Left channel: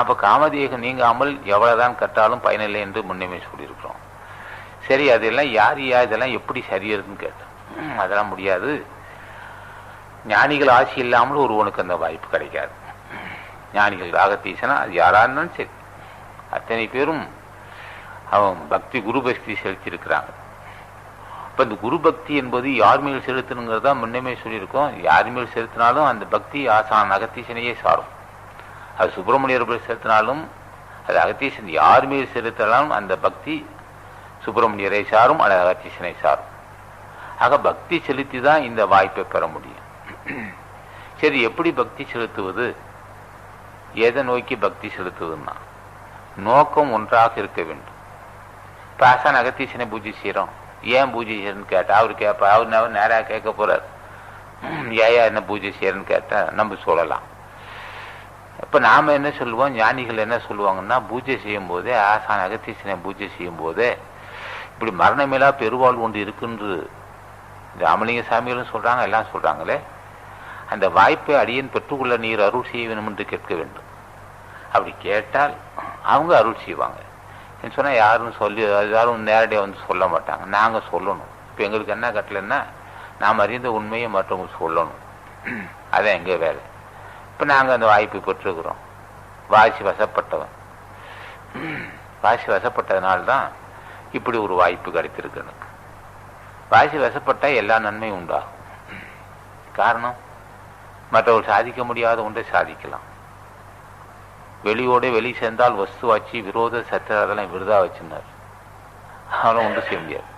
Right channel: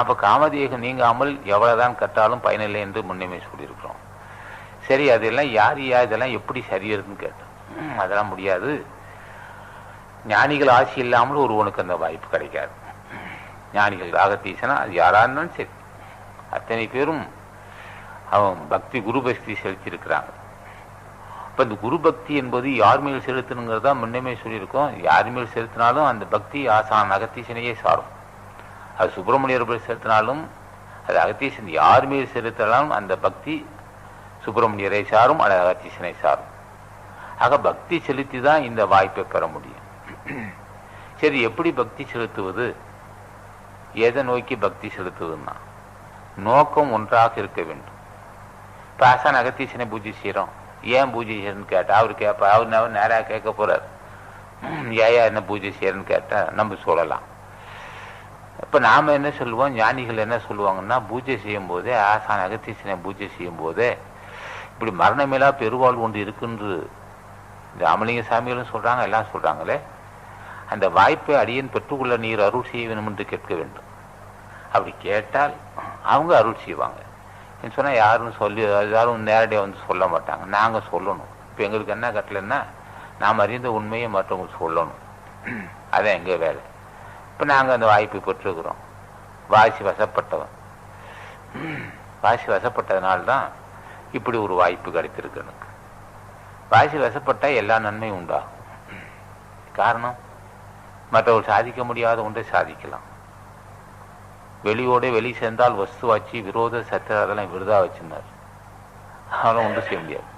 அப்ப காமதேகம் நீங்காமல் எவ்வளவுதான் கட்டாலும் பயனில்லை என்று முன்னமே சொல்லியிருக்கிறோம். சரி, அதெல்லாம் யார் இதெல்லாம் எப்படி சரியறதுன்னு கேட்டேன். அதெல்லாம் முடியாது, ஞானிகள் ஆட்சி இல்லாமல் ஒருவனுக்கு அந்த வாய்ப்பு கிடைக்காது. ஞானிகள் ராகத்தீசனா அது யாரா இருந்தாலும் சரி, அத்தனை பேரும் அவன் பக்தி குரு பக்தி செலுத்தியிருக்கிறாங்க. இப்ப இந்த குரு பக்தி என்பது யார் மேல் செலுத்தணுங்கிறதா முன்னமே சொல்லியிருக்கோம். யார் மேல் செலுத்தினாலும் அந்த பக்தி ஆசான் அகத்தீசனையே சாரும். அது சுப்பிரமணியர் மேல் செலுத்தினாலும் அது அகத்தீசன் யார் மேல் செலுத்தினாலும் அந்த பக்தி சுப்பிரமணியரை சாரும், அது அகத்தீசனை சாரும். ஆக பக்தி செலுத்தி தான் இந்த வாய்ப்பை பெற முடியும். சரி, எப்படி பக்தி செலுத்துவது? எதை நோக்கி பக்தி செலுத்துவதுன்னா நோக்கம் ஒன்றாக இருக்க வேண்டும். இப்ப ஆசான் அகத்தீசனை பூஜை செய்யறோம், ஏன் பூஜை செய்யறன்னு கேட்டா அவர் கேட்பா, அவர் நேராக கேட்க போறார். ஏயா என்ன பூஜை செய்யறன்னு கேட்டா நம்ம சொல்லலாம். இப்ப நாம என்ன சொல்லுவோம், ஞானிகள் என்ன சொல்லுவாங்கன்னா, பூஜை செய்யும் போதே ஆசான் அகத்தீசனை பூஜை செய்யும் போதே இப்படி மரணமேலா பெருவாழ்வு ஒன்று இருக்குன்று இந்த அமலிங்க சாமிகளும் சொல்றாங்க, எல்லாம் சொல்றாங்களே, அந்த வாய்ப்பை அடியேன் பெற்றுக்கொள்ள நீர் அருள் செய்ய வேண்டும் என்று கேட்க வேண்டும். அப்படி கேட்டால் அவங்க அருள் செய்வாங்க. சொன்னா யாரும் நேரடியாக வந்து சொல்ல மாட்டாங்க, நாங்க சொல்லணும். இப்ப எங்களுக்கு என்ன கட்டலைன்னா நாம் அறிந்த உண்மையை மற்றவங்க சொல்லணும், அதான் எங்க வேலை. இப்ப நாங்க அந்த வாய்ப்பை பெற்றுக்கிறோம். வாசி வசப்பட்டவன், வாசி வசப்பட்டதுனால்தான் இப்படி ஒரு வாய்ப்பு கிடைத்திருக்கு எனக்கு. வாசி வசப்பட்டா எல்லா நன்மையும் உண்டாகும். காரணம், மற்றவர்கள் சாதிக்க முடியாத ஒன்றை சாதிக்கலாம். வெளியோட வெளி சேர்ந்தால் வஸ்துவாச்சு விரோத சத்திர அதெல்லாம் விருதா வச்சிருந்தார், அவனும் ஒன்று செய்ய முடியாது.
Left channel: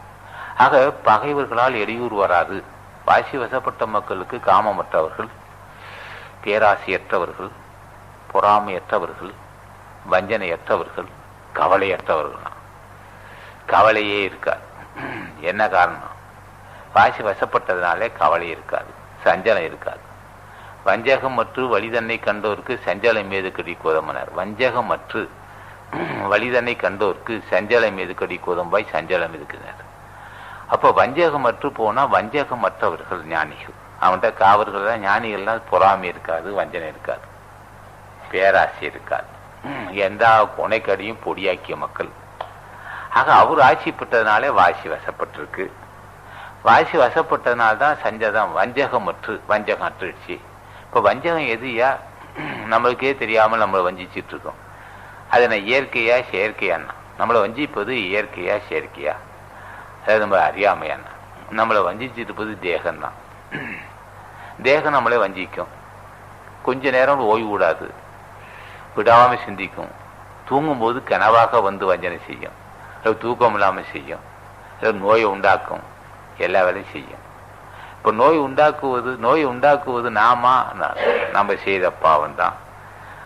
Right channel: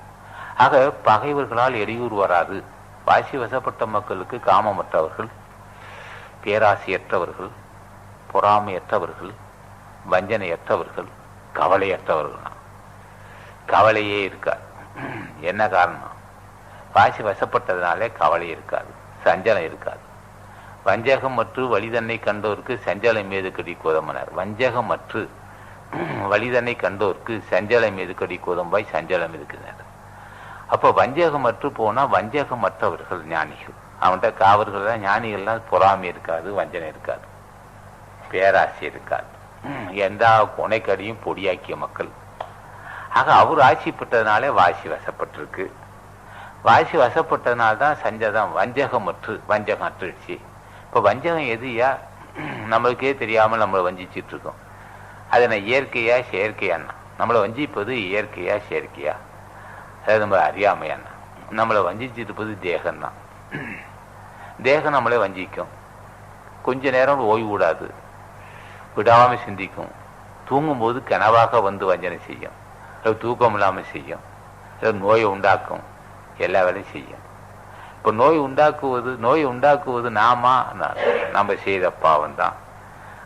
ஆக பகைவர்களால் இடையூறு வராது. வாசி வசப்பட்ட மக்களுக்கு காமமற்றவர்கள், பேராசையற்றவர்கள், பொறாமையற்றவர்கள், வஞ்சனையற்றவர்கள், கவலையற்றவர்கள். கவலையே இருக்காது. என்ன காரணம்? வாசி வசப்பட்டதுனாலே கவலை இருக்காது, சஞ்சலம் இருக்காது. வஞ்சகம் மற்று வலிதன்னை கண்டோருக்கு சஞ்சலம் மீது கடி கோதமனார். வஞ்சகம் மற்று வலிதன்னை கண்டோருக்கு சஞ்சலம் மீது கடி கோதம்பாய் சஞ்சலம் இருக்கிறார். அப்போ வஞ்சகம் மற்று போனா வஞ்சகம் மற்றவர்கள் ஞானிகள். அவன்கிட்ட காவர்கள் தான் ஞானிகள்லாம். பொறாமை இருக்காது, வஞ்சனை இருக்காது, பேராசை இருக்காது. எந்த கொனைக்கடியும் பொடியாக்கிய மக்கள். ஆக அவர் ஆட்சி பெற்றதுனாலே வாசி வசப்பட்டிருக்கு. வாசி வசப்பட்டதுனால்தான் சஞ்சதம் வஞ்சகம் மற்று வஞ்சகம் அற்றுச்சு. இப்ப வஞ்சகம் எதுயா? நம்மளுக்கே தெரியாமல் நம்மளை வஞ்சிச்சுட்டு இருக்கோம். அது நான் இயற்கையா செயற்கையான்னா? நம்மளை வஞ்சிப்பது இயற்கையா செயற்கையா? அதாவது நம்ம அறியாமையான்னா? நம்மளை வஞ்சிச்சுட்டு இருப்பது தேகம்தான். தேகம் நம்மளை வஞ்சிக்கும். கொஞ்ச நேரம் ஓய்வு விடாது, விடாம சிந்திக்கும். தூங்கும்போது கனவாக வந்து வஞ்சனை செய்யும், தூக்கம் இல்லாமல் செய்யும், நோயை உண்டாக்கும், எல்லா வேலையும் செய்யும். இப்ப நோய் உண்டாக்குவது நம்ம செய்த பாவம் தான்.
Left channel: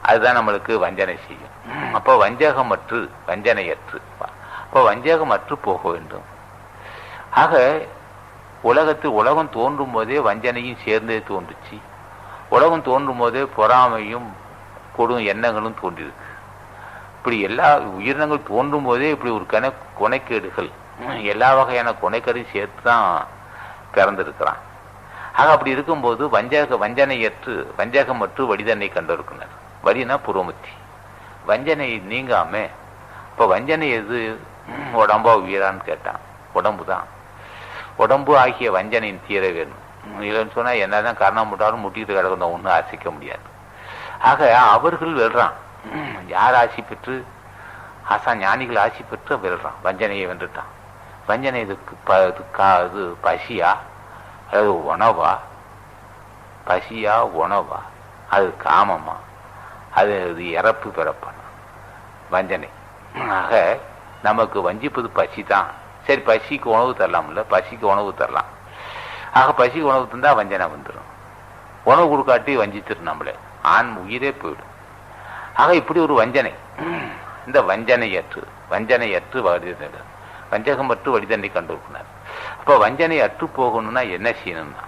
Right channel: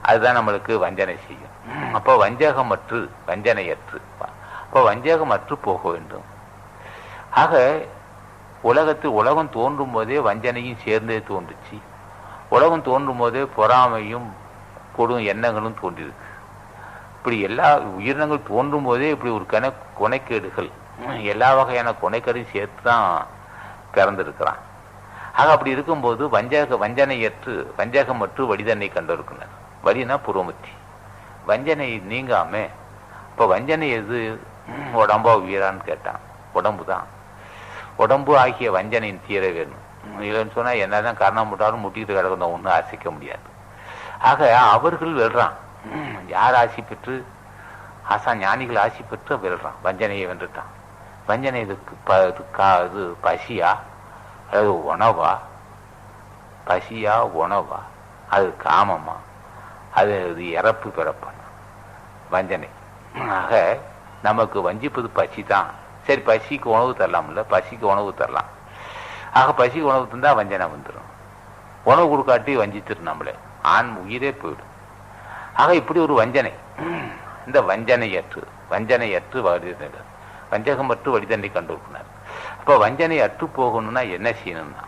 அதுதான் நம்மளுக்கு வஞ்சனை செய்யும். அப்போ வஞ்சகமற்று வஞ்சனையற்று, அப்போ வஞ்சகமற்று போக வேண்டும். ஆக உலகம் தோன்றும் போதே வஞ்சனையும் சேர்ந்தே தோன்றுச்சு. உலகம் தோன்றும் போதே பொறாமையும் கொடும் எண்ணங்களும் தோன்றிருக்கு. இப்படி எல்லா உயிரினங்கள் தோன்றும் போதே இப்படி ஒரு கொனைக்கேடுகள், எல்லா வகையான கொனைக்கேடையும் சேர்த்து தான் பிறந்திருக்கிறான். ஆக அப்படி இருக்கும்போது வஞ்சகமற்று வடிதன்னை கண்டிருக்கிறார். வடினா புறமுத்தி, வஞ்சனை நீங்காம. இப்ப வஞ்சனை எது? உடம்பா உயிரான்னு கேட்டான். உடம்பு தான். உடம்பு ஆகிய வஞ்சனையின் தீர வேணும். இல்லைன்னு சொன்னா என்னதான் காரணம் முட்டாலும் முட்டிட்டு கிடக்கிறத ஒன்றும் ஆசிக்க முடியாது. ஆக அவர்கள் வெல்றான். யார் ஆசி பெற்று? ஞானிகள் ஆசி பெற்று வெல்றான், வஞ்சனையை வென்றுட்டான். வஞ்சனை இது பசியா, அது உணவா? பசியா உணவா? அது காமமா? அது இறப்பு பிறப்பான வஞ்சனை. ஆக நமக்கு வஞ்சிப்பது பசி தான். சரி, பசிக்கு உணவு தரலாம்ல, பசிக்கு உணவு தரலாம். ஆக பசிக்கு உணவு தந்தா வஞ்சனை வந்துடும். உணவு கொடுக்காட்டி வஞ்சிச்சிடும் நம்மள, ஆண் உயிரே போயிடும். ஆக இப்படி ஒரு வஞ்சனை. இந்த வஞ்சனையற்று வஞ்சகமற்று வடிதண்டை கண்டிருக்கிறார். அப்ப வஞ்சனை அற்று போகணும்னா என்ன செய்யணும்னா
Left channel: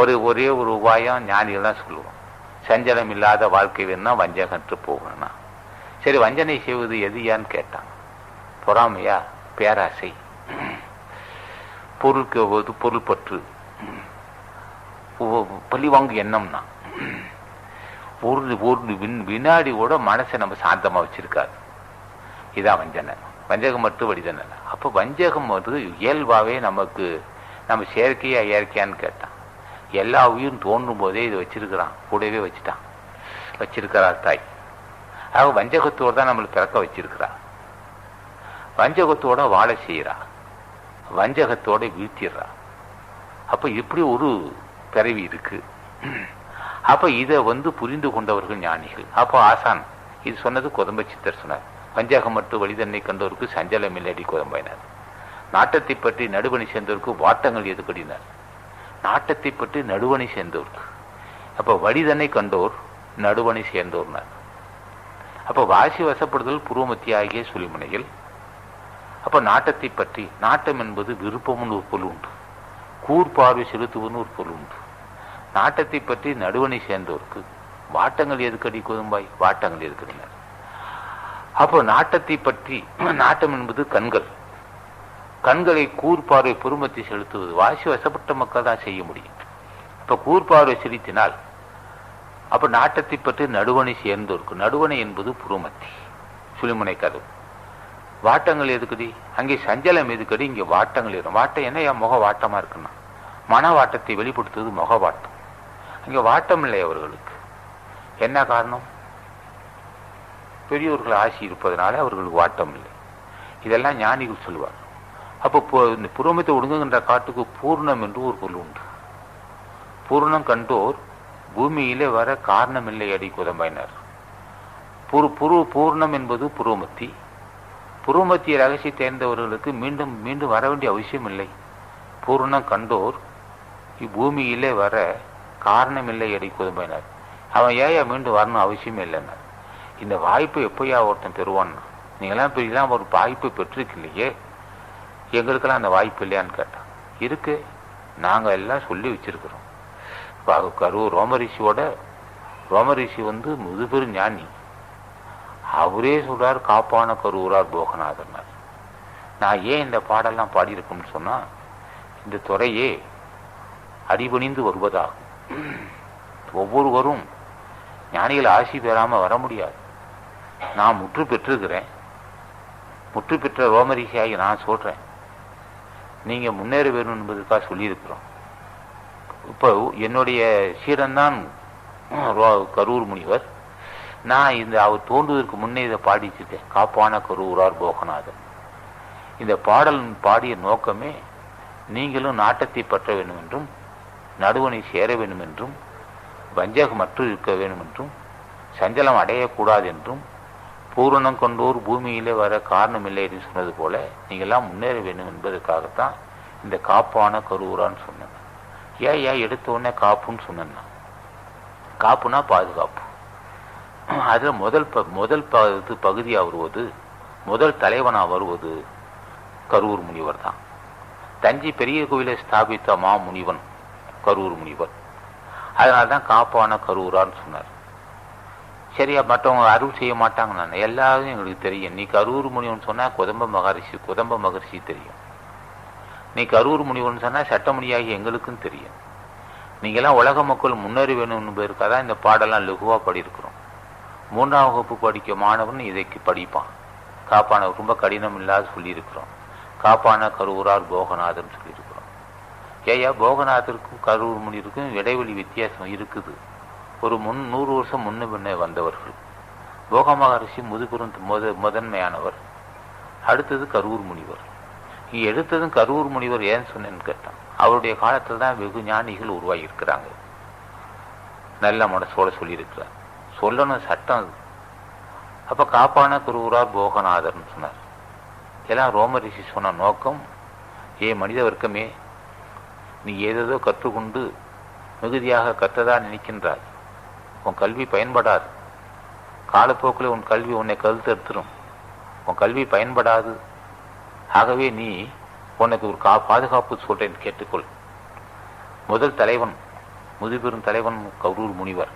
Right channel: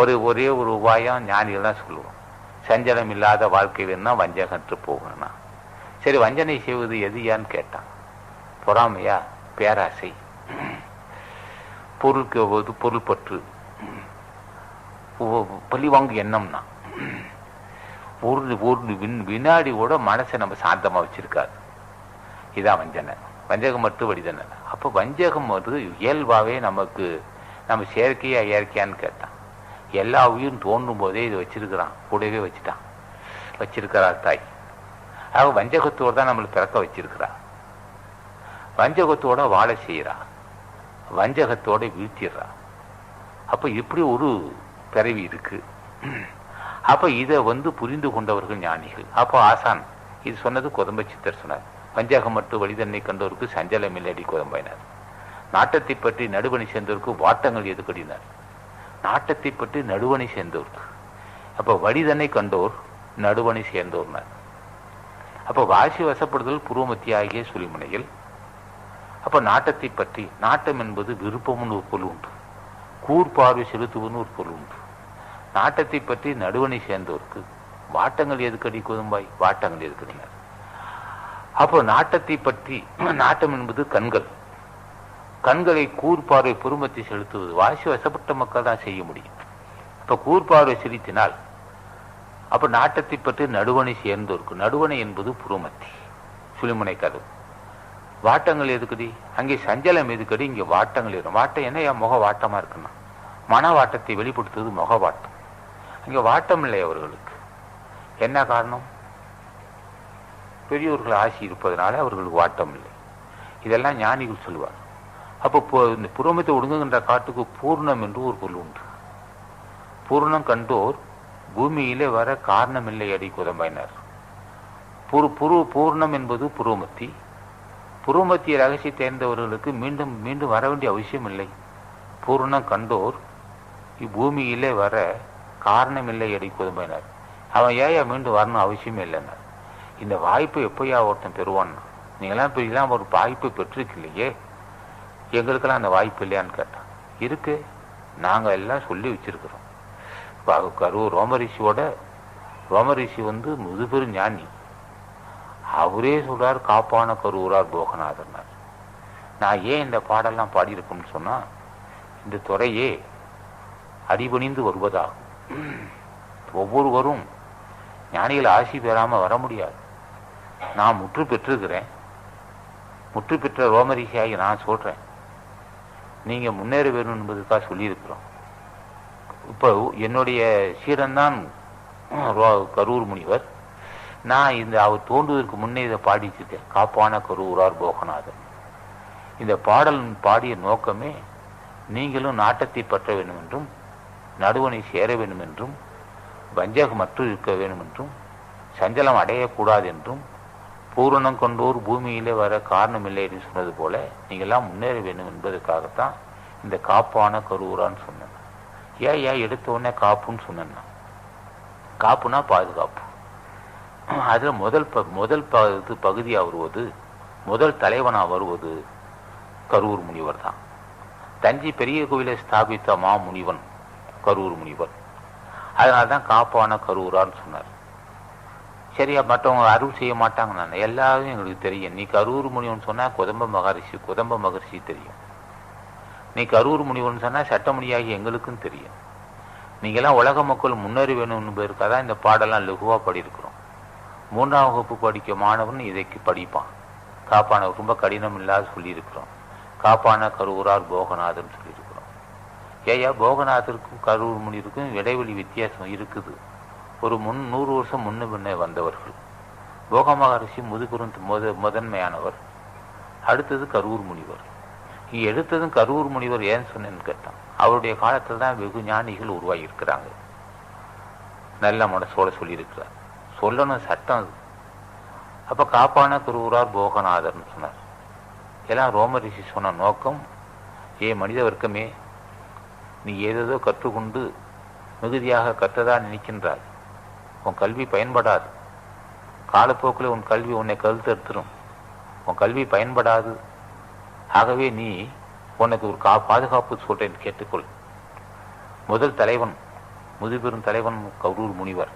ஒரே ஒரு உபாயம் ஞானிகள்லாம் சொல்லுவோம். சஞ்சலம் இல்லாத வாழ்க்கை வேணும்னா வஞ்சகம் அற்று போகணும்னா. சரி, வஞ்சனை செய்வது எதுயான்னு கேட்டான். பொறாமையா, பேராசை, பொருள் பற்று, பழிவாங்கு எண்ணம்னா. ஒரு வினாடி கூட மனசை நம்ம சாந்தமா வச்சிருக்காது. இதான் வஞ்சகம் மட்டும் வடிதன. அப்போ வஞ்சகம் வந்து இயல்பாவே நமக்கு நம்ம செயற்கையா இயற்கையான்னு கேட்டான். எல்லா உயிரும் தோன்றும் போதே இதை வச்சிருக்கிறான், கூடவே வச்சிருக்கிறார் தாய். ஆக வஞ்சகத்தோடு தான் நம்மளை பிறக்க வச்சிருக்கிறா, வஞ்சகத்தோட வாழ செய்யறா, வஞ்சகத்தோட வீழ்த்திடுறா. அப்ப இப்படி ஒரு பிறவி இருக்கு. அப்ப இதை வந்து புரிந்து கொண்டவர்கள் ஞானிகள். அப்போ ஆசான் இது சொன்னது கொதம்ப சித்தர் சொன்னார். வஞ்சகம் மட்டும் வழிதன்னை கண்டோருக்கு சஞ்சலம் இல்லடி கொதம்பினார். நாட்டத்தை பற்றி நடுவணி சேர்ந்தோருக்கு வாட்டங்கள் எதுக்கடினார். நாட்டத்தை பற்றி நடுவணி சேர்ந்தோருக்கு. அப்ப வழிதன்னை கண்டோர் நடுவணி சேர்ந்தோர்னார். அப்ப வாசி வசப்படுதல் புருவமத்தி ஆகிய சுழிமுனையில். அப்ப நாட்டத்தை பற்றி, நாட்டம் என்பது விருப்பம்னு ஒரு பொருள் உண்டு, கூர்பார்வை செலுத்துவன்னு ஒரு பொருள் உண்டு. நாட்டத்தை பற்றி நடுவணி சேர்ந்தோருக்கு வாட்டங்கள் எதுக்கடி கொதும்பாய், வாட்டங்கள் எதுக்கடினார். அப்போ நாட்டத்தை பற்றி, நாட்டம் என்பது கண்கள், கண்களை கூர்பார்வை பொறுமத்தை செலுத்துவது வாசி வசப்பட்ட மக்கள் தான் செய்ய முடியும். அப்ப கூர்பார்வை செலுத்தினால் அப்ப நாட்டத்தை பற்றி நடுவணை சேர்ந்தோருக்கு, நடுவணை என்பது புருமத்தி சுழிமுனை கதவு. வாட்டங்கள் எதுக்குடி, அங்கே சஞ்சலம் எதுக்கடி, இங்கே வாட்டங்கள் இருக்கும். வாட்டம் என்ன, என் முக வாட்டமா இருக்குன்னா மன வாட்டத்தை வெளிப்படுத்துவது முக வாட்டம். அங்கே வாட்டம் இல்லை அவர்களுக்கு. என்ன காரணம்? பெரியோர்கள் ஆசி இருப்பதனால அவர்களுக்கு வாட்டம் இல்லை. இதெல்லாம் ஞானிகள் சொல்லுவார். அப்போ இந்த புருவமத்தை ஒடுங்குகின்ற காட்டுக்கு பூர்ணம் என்று ஒரு பொருள் உண்டு. பூர்ணம் கண்டோர் பூமியிலே வர காரணம் இல்லை அடி கொதம்பினார். பூர்ணம் என்பது புருவமத்தி. புருவமத்திய ரகசிய தேர்ந்தவர்களுக்கு மீண்டும் மீண்டும் வர வேண்டிய அவசியம் இல்லை. பூர்ணம் கண்டோர் இப்பூமியிலே வர காரணம் இல்லை அடி கொதம்பினார். அவன் ஏன் மீண்டும் வரணும் அவசியம் இல்லைன்னா, இந்த வாய்ப்பை எப்பயா ஒருத்தன் பெறுவான்னா, நீங்களாம் இப்போ இதெல்லாம் ஒரு வாய்ப்பை பெற்றிருக்கலையே, எங்களுக்கெல்லாம் அந்த வாய்ப்பு இல்லையான்னு கேட்டான். இருக்கு, நாங்கள் எல்லாம் சொல்லி வச்சிருக்கிறோம். கரூர் ரோமரிஷி வந்து முதுபெரு ஞானி. அவரே சொல்றார், காப்பான கரூரார் போகநாதர்னார். நான் ஏன் இந்த பாடெல்லாம் பாடியிருக்கோம்னு சொன்னா, இந்த துறையே அடிபணிந்து வருவதாகும். ஒவ்வொருவரும் ஞானிகள் ஆசி பெறாம வர முடியாது. நான் முற்று பெற்றிருக்கிறேன், முற்று பெற்ற ரோமரிஷியாகி நான் சொல்றேன், நீங்க முன்னேற வேணும் என்பதற்காக சொல்லியிருக்கிறோம். இப்போ என்னுடைய சீடன்தான் கரூர் முனிவர். நான் இந்த அவர் தோன்றுவதற்கு முன்னே இதை பாடிச்சிருக்கேன், காப்பான கரூரார் போகநாதன். இந்த பாடல் பாடிய நோக்கமே நீங்களும் நாட்டத்தை பற்ற வேண்டும் என்றும், நடுவனை சேர வேண்டும் என்றும், வஞ்சகமற்று இருக்க வேண்டும் என்றும், சஞ்சலம் அடையக்கூடாது என்றும், பூரணம் கொண்டோர் பூமியிலே வர காரணம் இல்லை என்று சொன்னது போல நீங்கள்லாம் முன்னேற வேண்டும் என்பதற்காகத்தான் இந்த காப்பான கரூரான்னு சொன்னேன். ஏன் எடுத்த உடனே காப்புன்னு சொன்னேன்னா, காப்புனா பாதுகாப்பு. அதுல முதல் பகுதியாக வருவது, முதல் தலைவனாக வருவது கரூர் முனிவர் தான். தஞ்சை பெரிய கோவிலை ஸ்தாபித்த மா முனிவன் கரூர் முனிவர். அதனால்தான் காப்பான கரூரான்னு சொன்னார். சரியா, மற்றவங்க அருள் செய்ய மாட்டாங்க. நான் எல்லாரும் எங்களுக்கு தெரியும். நீ கரூர் முனிவன் சொன்னா கொதம்ப மகரிஷி தெரியும். நீ கரூர் முனிவன் சொன்னா சட்டமணியாகி எங்களுக்கும் தெரியும். நீங்கெல்லாம் உலக மக்கள் முன்னேறி வேணும் என்பதற்காக தான் இந்த பாடெல்லாம் லகுவா படியிருக்கிறோம். 3ஆம் வகுப்பு படிக்க மாணவன் இதைக்கு படிப்பான். காப்பான ரொம்ப கடினம் இல்லாத சொல்லியிருக்கிறோம். காப்பான கரூரார் போகநாதன் சொல்லியிருக்கிறோம். ஏயா, போகநாதருக்கும் கரூர் முனிவருக்கும் இடைவெளி வித்தியாசம் இருக்குது. ஒரு 100 வருஷம் முன்ன பின்னே வந்தவர்கள். போக மகரிஷி முதுபெரும் முதன்மையானவர். அடுத்தது கரூர் முனிவர். எடுத்ததும் கரூர் முனிவர் ஏன் சொன்னேன்னு கேட்டான். அவருடைய காலத்தில் தான் வெகு ஞானிகள் உருவாகி இருக்கிறாங்க. நல்ல மனசோட சொல்லியிருக்கிறார். சொல்லணும் சட்டம் அது. அப்ப காப்பான கரூரார் போகநாதர்னு சொன்னார். எல்லாம் ரோமரிஷி சொன்ன நோக்கம், மனித வர்க்கமே, நீ ஏதேதோ கற்றுக்கொண்டு மிகுதியாக கற்றதா நினைக்கின்றாய். உன் கல்வி பயன்படாது. காலப்போக்கில் உன் கல்வி உன்னை கழுத்தெடுத்துரும். உன் கல்வி பயன்படாது. ஆகவே நீ உனக்கு ஒரு பாதுகாப்பு சொல்றேன், கேட்டுக்கொள். முதல் தலைவன், முதுபெரும் தலைவன் கரூர் முனிவர்.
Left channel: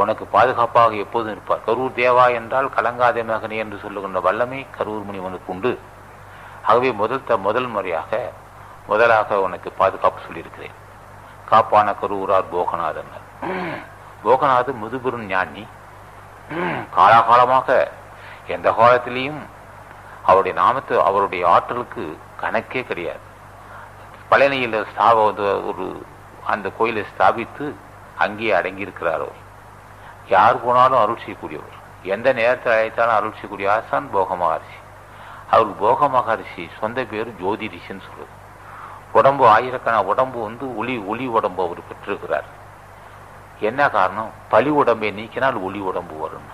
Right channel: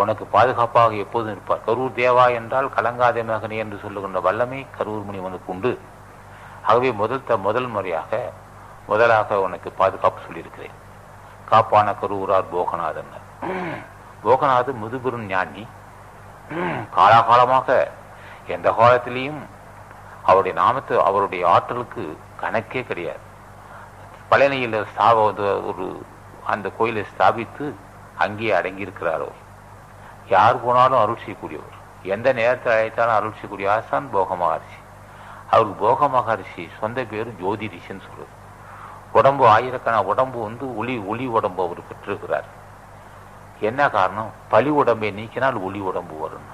உனக்கு பாதுகாப்பாக எப்போதும் இருப்பார். கரூர் தேவா என்றால் கலங்காத மகனே என்று சொல்லுகின்ற வல்லமை கரூர் முனிவனுக்கு உண்டு. ஆகவே முதலாக உனக்கு பாதுகாப்பு சொல்லியிருக்கிறேன். காப்பான கரூரார் போகநாதன். போகநாதர் முதுபெரும் ஞானி. காலாகாலமாக எந்த காலத்திலையும் அவருடைய நாமத்தை, அவருடைய ஆற்றலுக்கு கணக்கே கிடையாது. பழனியில் ஒரு அந்த கோயிலை ஸ்தாபித்து அங்கேயே அடங்கியிருக்கிறார். அவர் யார் போனாலும் அருள் செய்யக்கூடியவர், எந்த நேரத்தில் அழைத்தாலும் அருள் செய்யக்கூடிய ஆசான் போக மகரிஷி. அவருக்கு போக மகரிஷி சொந்த பேர் ஜோதி ரிஷின்னு சொல்றது. உடம்பு ஆயிரக்கணக்கான உடம்பு ஒளி உடம்பு அவர் பெற்றிருக்கிறார். என்ன காரணம்? பழி உடம்பை நீக்கினால் ஒளி உடம்பு வரும்.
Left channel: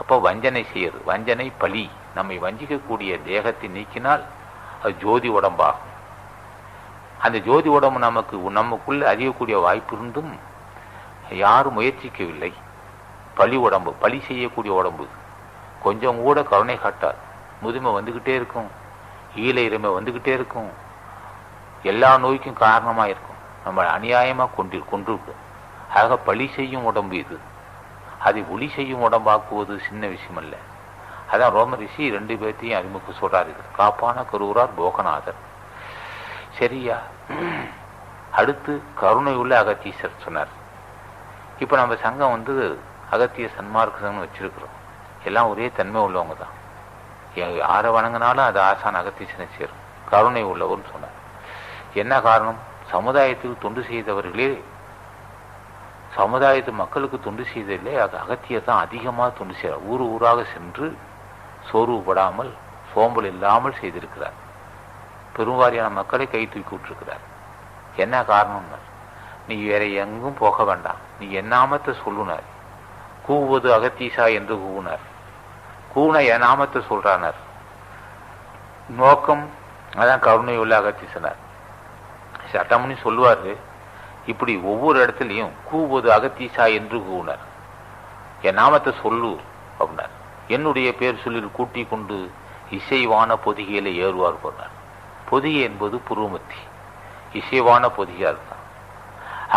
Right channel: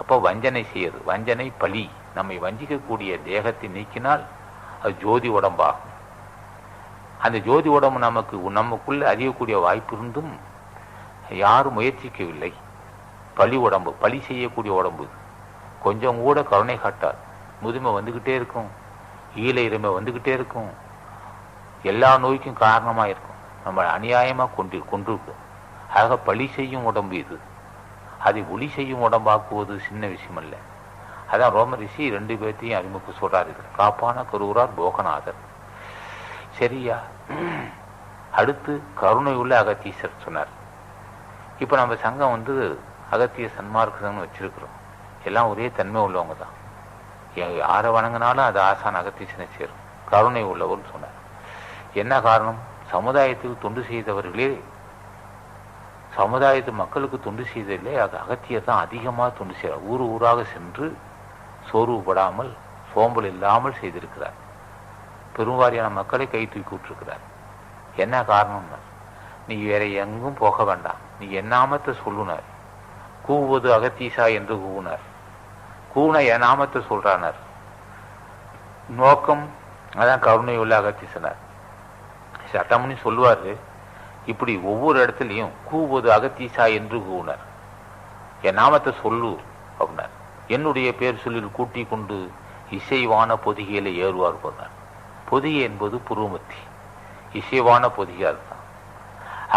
அப்போ வஞ்சனை செய்யுது, வஞ்சனை பழி, நம்மை வஞ்சிக்கக்கூடிய தேகத்தை நீக்கினால் அது ஜோதி உடம்பாகும். அந்த ஜோதி உடம்பு நமக்குள்ள அறியக்கூடிய வாய்ப்பு இருந்தும் யாரும் முயற்சிக்கவில்லை. பழி உடம்பு, பழி செய்யக்கூடிய உடம்பு, கொஞ்சம் கூட கருணை காட்டார். முதுமை வந்துகிட்டே இருக்கும், ஈழை இறைமை வந்துகிட்டே இருக்கும், எல்லா நோய்க்கும் காரணமா இருக்கும், நம்ம அநியாயமா கொண்டிருக்கும். ஆக பழி செய்யும் உடம்பு இது. அதை ஒளி செய்யும் உடம்பாக்குவது சின்ன விஷயம் அல்ல. அதான் ரோம ரிஷி 2 பேர்த்தையும் அறிமுக சொல்றாரு. காப்பான கருவூரார் போகநாதர். சரியா? அடுத்து கருணை உள்ள அகத்தீசர் சொன்னார். இப்ப நம்ம சங்கம் அகத்திய சன்மார்க்க சங்கம் வச்சிருக்கிறோம். எல்லாம் ஒரே தன்மை உள்ளவங்க தான். யாரை வணங்கினாலும் அது ஆசான் அகத்தீசனை சேரும். கருணை உள்ளவர்னு சொன்னார். என்ன காரணம்? சமுதாயத்துக்கு தொண்டு செய்தவர்களே, சமுதாயத்து மக்களுக்கு தொண்டு செய்ததில்லை, அகத்தியர் தான் அதிகமாக தொண்டு செய்கிறார். ஊராக சென்று சோர்வுபடாமல் சோம்பல் இல்லாமல் செய்திருக்கிறார். பெருவாரியான மக்களை கை தூக்கி விட்டுருக்கிறார். என்ன காரணம்னா, நீ வேற எங்கும் போக வேண்டாம், நீ என்னாமத்தை சொல்லுனார். கூவுவது அகத்தீசா என்று கூவினார். கூன என் நாமத்தை சொல்றானார். நோக்கம் அதான் கருணை உள்ள அகத்தீசனார். சட்டம்னு சொல்லுவாரு. இப்படி ஒவ்வொரு இடத்துலையும் கூவுவது அகத்தீசா என்று கூவினார். என் நாமத்தை சொல்லு அப்படின்னார். என்னுடைய பேர் சொல்லி கூட்டி கொண்டு இசைவான பொதிகையில ஏறுவார் போனார். பொதிகை என்பது புருவமத்தி, இசைவான பொதிகையா இருக்கான்.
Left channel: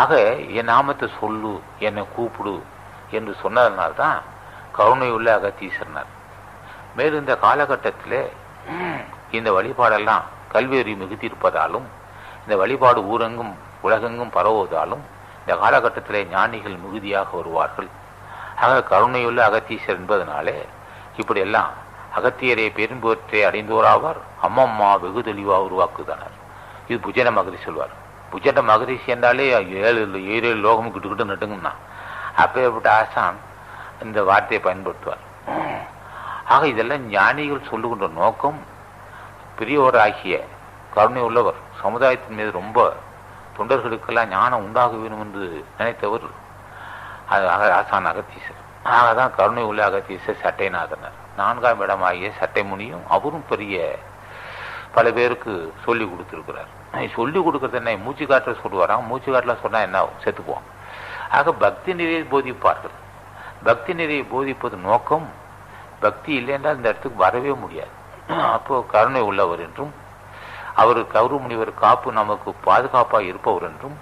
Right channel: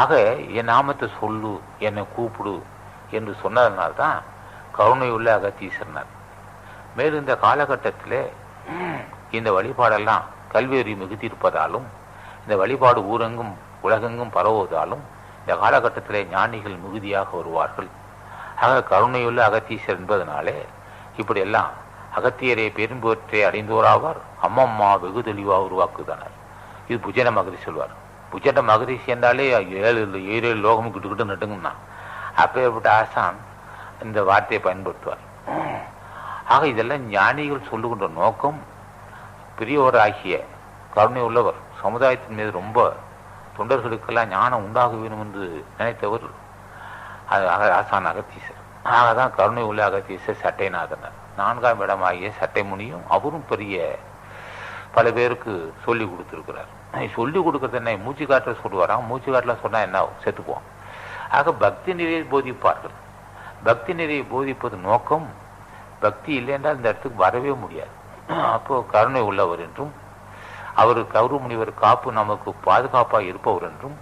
ஆக என் நாமத்தை சொல்லு, என்னை கூப்பிடு என்று சொன்னதுனால்தான் கருணை உள்ள அகத்தீசர்னார். மேலும் இந்த காலகட்டத்தில் இந்த வழிபாடெல்லாம் கல்வியறி மிகுத்திருப்பதாலும், இந்த வழிபாடு ஊரெங்கும் உலகெங்கும் பரவுவதாலும் இந்த காலகட்டத்தில் ஞானிகள் மிகுதியாக வருவார்கள். ஆக கருணையுள்ள அகத்தீசர் என்பதனாலே இப்படியெல்லாம் அகத்தியரை பெரும்புவற்றை அடைந்தோராவார். அம்மம்மா வெகு தெளிவாக உருவாக்குதனர். இது புஜன மகரிஷி சொல்வார். புஜன மகரிஷி என்றாலே 7 லோகமும் கிட்டு நட்டுங்கன்னா அப்பேற்பட்ட ஆசான் இந்த வார்த்தையை பயன்படுத்துவார். ஆக இதெல்லாம் ஞானிகள் சொல்லுகின்ற நோக்கம், பெரியவராகிய கருணை உள்ளவர் சமுதாயத்தின் மீது ரொம்ப தொண்டர்களுக்கெல்லாம் ஞானம் உண்டாக வேண்டும் என்று நினைத்தவர் ஆசான் அகத்தீசர். ஆகதான் கருணை உள்ள அகத்தீசர் சட்டைநாதனர். 4ஆம் இடமாகிய சட்டை முனியும் அவரும் பெரிய பல பேருக்கு சொல்லி கொடுத்துருக்கிறார். சொல்லி கொடுக்கறது என்ன, மூச்சு காட்டுல சொல்லுவாராம். மூச்சு காட்டுல சொன்னா என்ன, செத்துக்குவோம். ஆக பக்தி நிறையை போதிப்பார்கள். பக்தி நிறையை போதிப்பது நோக்கம். பக்தி இல்லை என்றால் இந்த இடத்துக்கு வரவே முடியாது. அப்போ கருணை உள்ளவர் என்றும், அவர் கௌரவ முனிவர் காப்பு நமக்கு பாதுகாப்பாக இருப்பவர் என்றும்,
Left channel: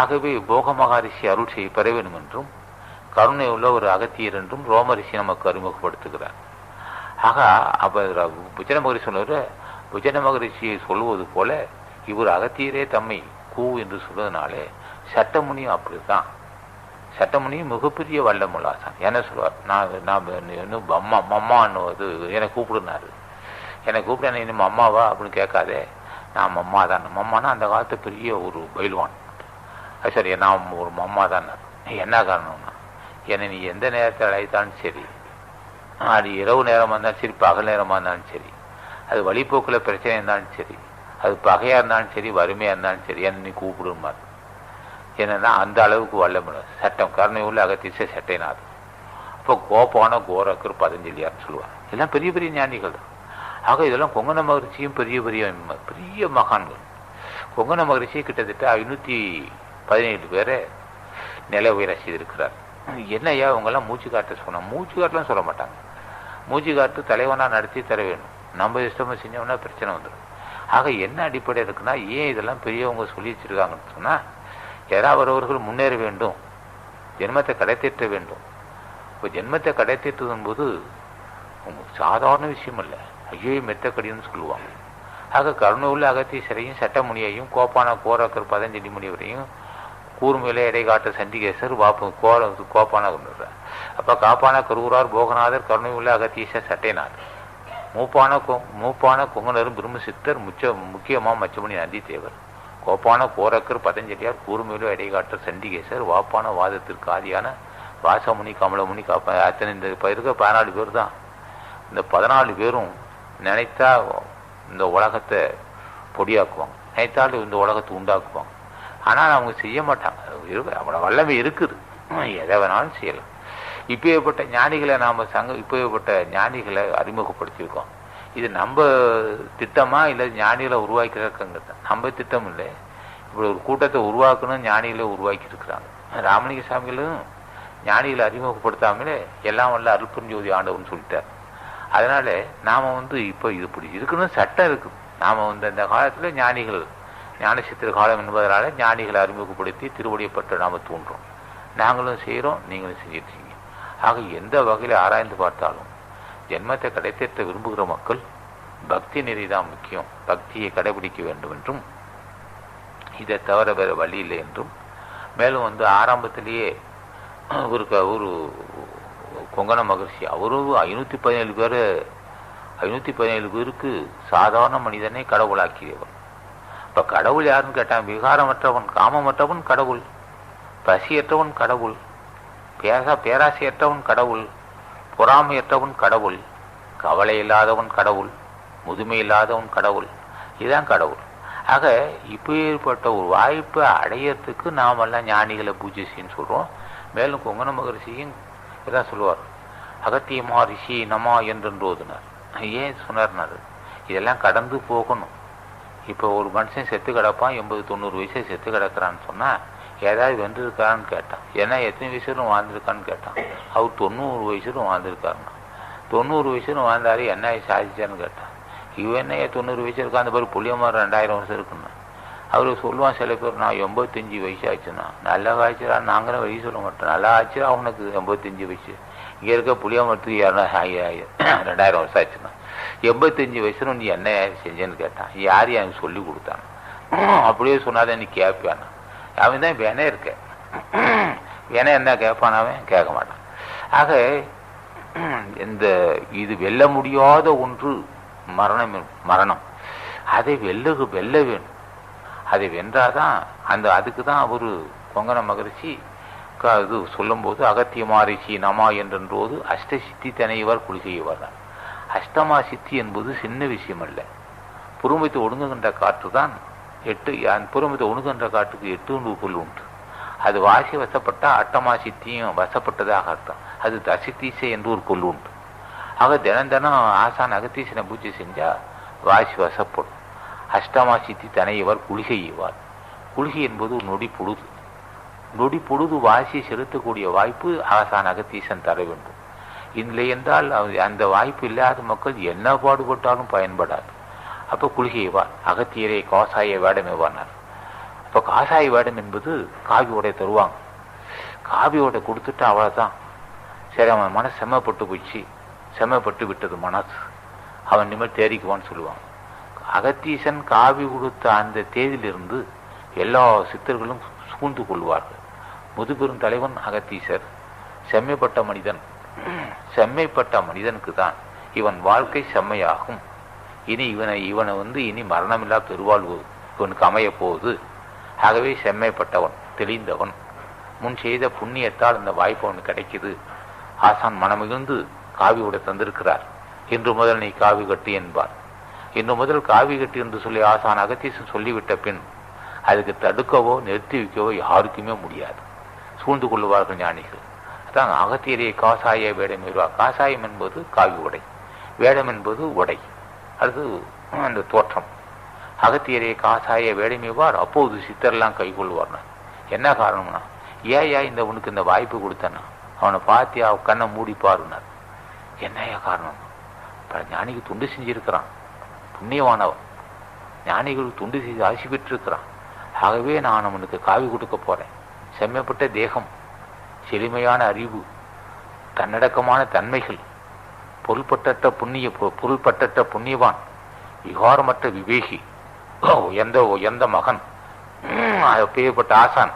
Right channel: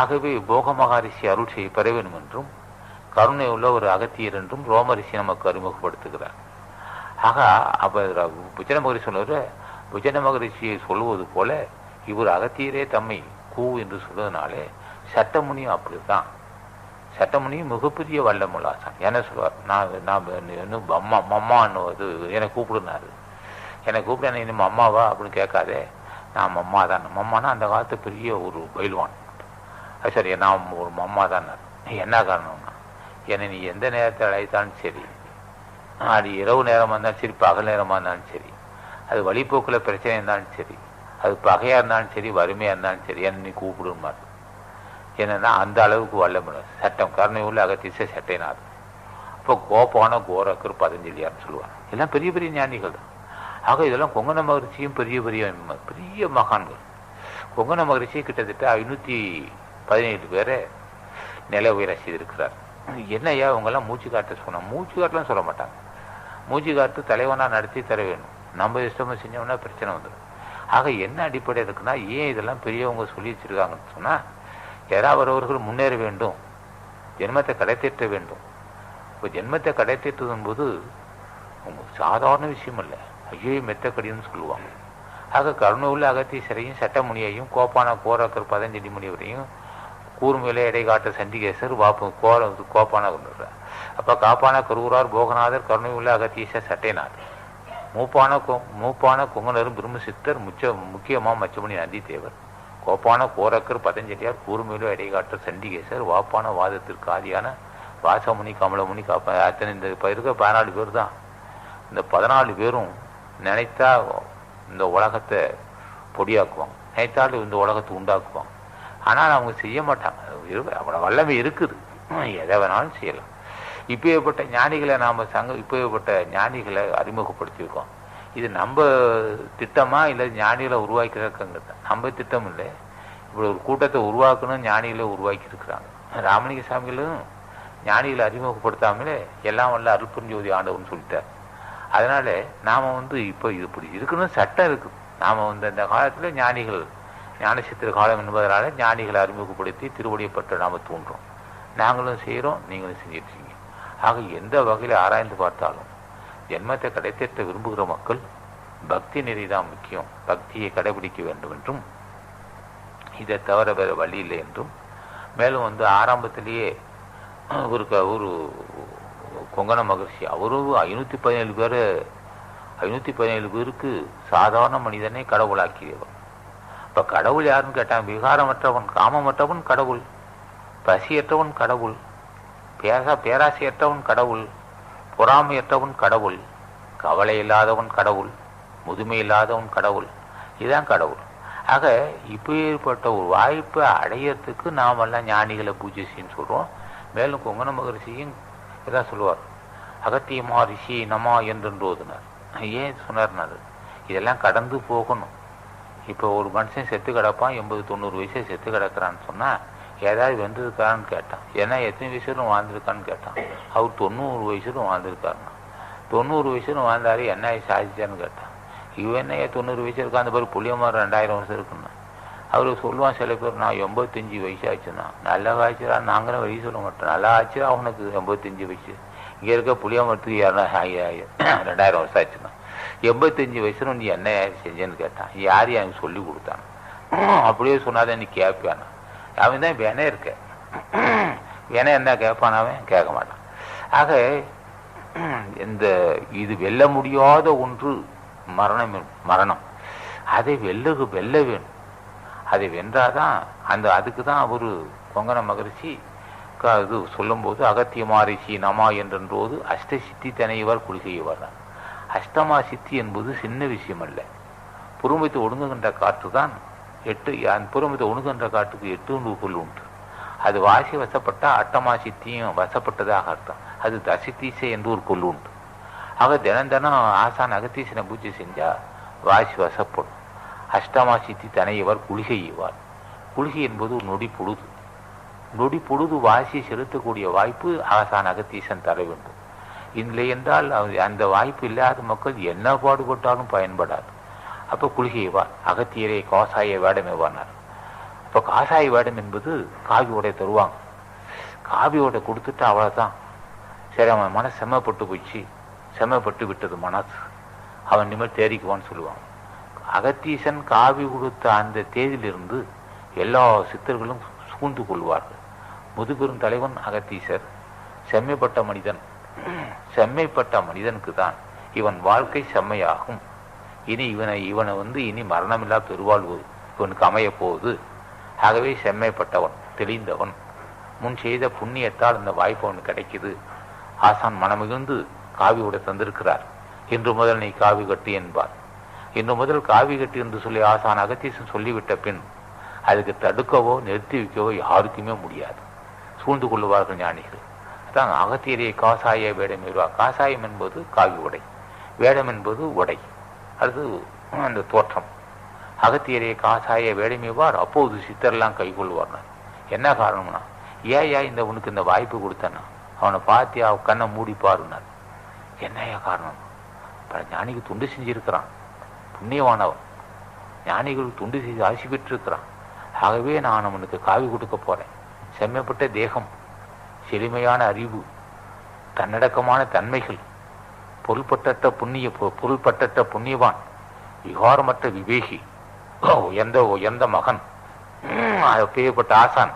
ஆகவே போக மகரிஷி அருள் செய்ய பெற வேண்டும் என்றும், கருணை உள்ள ஒரு அகத்தியர் என்றும் ரோமரிஷி நமக்கு அறிமுகப்படுத்துகிறார். ஆக அவர் புஜன மகரிஷி சொல்லுற புஜன மகரிஷியை சொல்லுவது போல இவர் அகத்தியரே தம்மை கூ என்று சொல்வதனாலே சட்டமுனியும் அப்படித்தான். சட்டமுனியும் மிகப்பெரிய வல்லமுள்ளாசான். என்ன சொல்வார், நான் அம்மான்னுவது என்னை கூப்பிடுனாரு. என்னை கூப்பிட என்ன இன்னும் அம்மாவா அப்படின்னு கேட்காதே, நான் அம்மா தான். அம்மானா அந்த காலத்து பெரிய ஒரு பயில்வான். சரி, நான் ஒரு அம்மா தான். என்ன காரணம்னா, என்னை நீ எந்த நேரத்தில் அழைத்தாலும் சரி, அது இரவு நேரமாக இருந்தாலும் சரி, பகல் நேரமாக இருந்தாலும் சரி, அது வழிபோக்கில் பிரச்சனை இருந்தாலும் சரி, அது பகையாக இருந்தாலும் சரி, வறுமையாக இருந்தாலும் சரி, என்னை நீ கூப்பிடுமாறு. என்னன்னா அந்த அளவுக்கு வல்லமுள்ள சட்டம் கருணை உள்ள அகத்தீச சட்டைநாதன். இப்போ கோப்பான கோரக்கர் பதஞ்சலியார்னு சொல்லுவாங்க. எல்லாம் பெரிய பெரிய ஞானிகள் தான். ஆக இதெல்லாம் கொங்கண மகரிஷியும் பெரிய பெரிய மகான்கள். கொங்கண மகரிஷி கிட்டத்தட்ட 517 பேரை நில உயர செய்திருக்கிறார். என்னையா இவங்கெல்லாம் மூச்சு காட்ட சொன்னாங்க. மூச்சு காட்டலாம் சொல்ல மாட்டாங்க. மூச்சு காட்டு தலைவனா நடத்தி தர வேணும். நம்ம இஷ்டமா செஞ்சோம்னா பிரச்சனை வந்துடும். ஆக என்ன அடிப்படை இருக்குன்னா, ஏன் இதெல்லாம் பெரியவங்க சொல்லி வச்சிருக்காங்கன்னு சொன்னா, யாராவது அவர்கள் முன்னேற வேண்டும், ஜென்மத்தை கடைத்தேற்ற வேண்டும். இப்போ ஜென்மத்தை கடைத்தேற்றுவதும் போது சாதாரண விஷயம் இல்லை. ஐயோ மெத்தக்கடின்னு சொல்லுவாங்க. ஆக கருணை உள்ள அகத்தீசரையும் சட்டமுனியையும் கோப்பான கோரக்கர் பதஞ்சலி முனிவரையும் கூர்மையிலே எடை காட்ட சண்டிகேசர் கோப்பான கொண்டுறார். அப்போ காப்பான கருவூரார் போகநாதர் கருணை உள்ள அகத்தீசர் சட்டைனார் மூப்பான கொங்கனரும் பிரம்மசித்தர் முக்கியமாக மச்சமணி நந்தி தேவர் கோப்பான கோரக்கர் பதஞ்சலியார் கூர்மையிலோ எடை காட்ட சண்டிகேசர் வாப்பான வாதத்திற்கு ஆதியான வாசமுனி கமலமுனி காப்பா அத்தனை இந்த இருக்க 14 பேர் தான். இந்த 14 பேரும் நினைத்தா இந்த உலகத்தை பொடியாக்குவாங்க, நினைத்தாலும் இந்த உலகத்தை உண்டாக்குவாங்க. ஆனால் அவங்க செய்ய மாட்டாங்க. அவ்வளோ வல்லமை இருக்குது, எதை வேணாலும் செய்யலாம். இப்பேற்பட்ட ஞானிகளை இப்பேற்பட்ட ஞானிகளை அறிமுகப்படுத்தியிருக்கோம். இது நம்ம திட்டமா இல்லை ஞானிகளை உருவாக்கிறதுங்கிறது நம்ம திட்டம் இல்லை. இப்படி ஒரு கூட்டத்தை உருவாக்கணும் ஞானிகளை உருவாக்கி இருக்கிறாங்க. ராமலிங்க சாமிகளும் ஞானிகளை அறிமுகப்படுத்தாமலே எல்லாம் வல்ல அருள்பெருஞ்சோதி ஆண்டவன் சொல்லிட்டார். அதனால நாம இப்போ இது இப்படி இருக்கணும் சட்டம் இருக்குது. நாம அந்த காலத்துல ஞானிகள் ஞானசித்திர காலம் என்பதனால ஞானிகளை அறிமுகப்படுத்தி திருவடியப்பட்ட நாம தோன்றோம். நாங்களும் செய்கிறோம், நீங்களும் செஞ்சிருக்கீங்க. ஆக எந்த வகையில் ஆராய்ந்து பார்த்தாலும் ஜென்மத்தை கடைத்தேற்ற விரும்புகிற மக்கள் பக்தி நெறிதான் முக்கியம், பக்தியை கடைபிடிக்க வேண்டும் என்றும் இதை தவிர வேற வழி இல்லை என்றும், மேலும் ஆரம்பத்திலேயே ஒரு கொங்கண மகர்ஷி அவரும் 517 பேருக்கு சாதாரண மனிதனை கடவுளாக்கியவர். இப்ப கடவுள் யாருன்னு கேட்டான், விகாரமற்றவன் காமமற்றவன் கடவுள், பசியற்றவன் கடவுள், பேராசையற்றவன் கடவுள், பொறாமையற்றவன் கடவுள், கவலை இல்லாதவன் கடவுள், முதுமை இல்லாதவன் கடவுள், இதுதான் கடவுள். ஆக இப்பேற்பட்ட ஒரு வாய்ப்பை அடையறதுக்கு நாமெல்லாம் ஞானிகளை பூஜை செய்யன்னு சொல்றோம். மேலும் கொங்கண மகரிஷியும் இதான் சொல்லுவார், அகத்தியமா ரிஷி நமா என்றோதுனார். ஏன் சொன்னார்னாரு, இதெல்லாம் கடந்து போகணும். இப்போ ஒரு மனுஷன் செத்து கிடப்பான், 80-90 வயசு செத்து கிடக்கிறான்னு சொன்னா ஏதாவது வென்றிருக்கான்னு கேட்டான். ஏன்னா எத்தனை வயசுலும் வாழ்ந்திருக்கான்னு கேட்டான். அவர் 90 வயசுலும் வாழ்ந்திருக்காருன்னா, 90 வயசுலும் வாழ்ந்தாரு, என்ன சாதிச்சான்னு கேட்டான். இவன் என்ன 90 வயசு இருக்கா, அந்த பேர் புளியமாக 2000 வருஷம் இருக்குன்னா. அவரு சொல்லுவான் சில பேர், நான் 85 வயசு ஆச்சுன்னா. நல்லா ஆச்சுடா, நாங்களும் வயசு சொல்ல மாட்டோம், நல்லா ஆச்சு அவனுக்கு 85 வயசு. இங்கே இருக்க புளியமரத்துக்கு 2000 வருஷம் ஆச்சுன்னா 85 வயசுல நீ என்ன செஞ்சேன்னு கேட்டான். யார் எனக்கு சொல்லி கொடுத்தான்? அப்படியே சொன்னாதான் நீ கேட்பானா? அவன் தான் வேணே இருக்க, வேணே என்ன கேட்பான்? அவன் கேட்க மாட்டான். ஆக இது வெல்ல முடியாத ஒன்று மரணம். அதை வெல்ல வேணும். அதை வென்றாதான் அதுக்கு தான் ஒரு கொங்கண மகரிஷி இது சொல்லும் போது அகத்தியமா ரிஷி நமா என்றோது அஷ்டசித்தி தனையவர் குழி செய்வார். அஷ்டமா சித்தி என்பது சின்ன விஷயம் அல்ல. புறம்பத்தை ஒடுங்குகின்ற காற்று தான் 8, புறம்பத்தை ஒடுங்குகின்ற காற்றுக்கு 8 பொருள் உண்டு. அது வாசி வசப்பட்டா அட்டமா சித்தியும் வசப்பட்டதாக அர்த்தம். அது தசித்தீசை என்று ஒரு பொருள் உண்டு. ஆக தினம் ஆசான் அகத்தீசனை பூஜை செஞ்சா வாசி வசப்படும். அஷ்டமா சித்தி தனையவர் குளிகை செய்வார். குளிகை என்பது ஒரு நொடி பொழுது வாசியை செலுத்தக்கூடிய வாய்ப்பு ஆசான் அகத்தீசன் தர வேண்டும். இல்லை என்றால் அந்த வாய்ப்பு இல்லாத மக்கள் என்ன பாடுபட்டாலும் பயன்படாது. அப்போ குளிகைவார். அகத்தியரே காசாய வேடம் எவ்வானார். இப்போ காசாய வேடம் என்பது காவியோட தருவாங்க. காவியோட கொடுத்துட்டு அவ்வளோதான். சரி, அவன் மனசு செம்மப்பட்டு விட்டது மனசு, அவன் நிமிடம் தேறிக்குவான்னு சொல்லுவான். அகத்தீசன் காவி கொடுத்த அந்த தேதியிலிருந்து எல்லா சித்தர்களும் சூழ்ந்து கொள்வார்கள். முதுபெரும் தலைவன் அகத்தீசர். செம்மைப்பட்ட மனிதனுக்கு தான் இவன் வாழ்க்கை செம்மையாகும். இனி இவனை இனி மரணமில்லா பெருவாழ்வு இவனுக்கு அமைய போகுது. ஆகவே செம்மைப்பட்டவன், தெளிந்தவன், முன் செய்த புண்ணியத்தால் இந்த வாய்ப்பு அவனுக்கு கிடைக்குது. ஆசான் மனமிகுந்து காவியோட தந்திருக்கிறார். இன்று முதல் நீ காவி கட்டு என்பார். இன்று முதல் காவி கட்டு என்று சொல்லி ஆசான் அகத்தீசன் சொல்லிவிட்ட பின் அதுக்கு தடுக்கவோ நிறுத்தி வைக்கவோ யாருக்குமே முடியாது. சூழ்ந்து கொள்ளுவார்கள் ஞானிகள். அதான் அகத்தியரே காசாய வேடம் வருவார். காசாயம் என்பது காவி உடை, வேடம் என்பது உடை, அது அந்த தோற்றம். அகத்தியரே காசாய வேடமைவார். அப்போது சித்தரெல்லாம் கை கொள்வார்னா என்ன காரணம்னா, இந்த உனக்கு இந்த வாய்ப்பு கொடுத்தனா அவனை பார்த்தியா, கண்ணை மூடி பாருனார். என்னையா காரணம்? ஞானிக்கு துண்டு செஞ்சிருக்கிறான், புண்ணியமானவன், ஞானிகளுக்கு துண்டு செய்து ஆசி பெற்றிருக்கிறான். ஆகவே நான் அவனுக்கு காவி கொடுக்க போறேன். செம்மைப்பட்ட தேகம், செழுமையான அறிவு, தன்னடக்கமான தன்மைகள், பொருள்பட்ட புண்ணியவான், விகாரமற்ற விவேகி, உயர்ந்த மகன், அப்பேற்பட்ட ஆசான்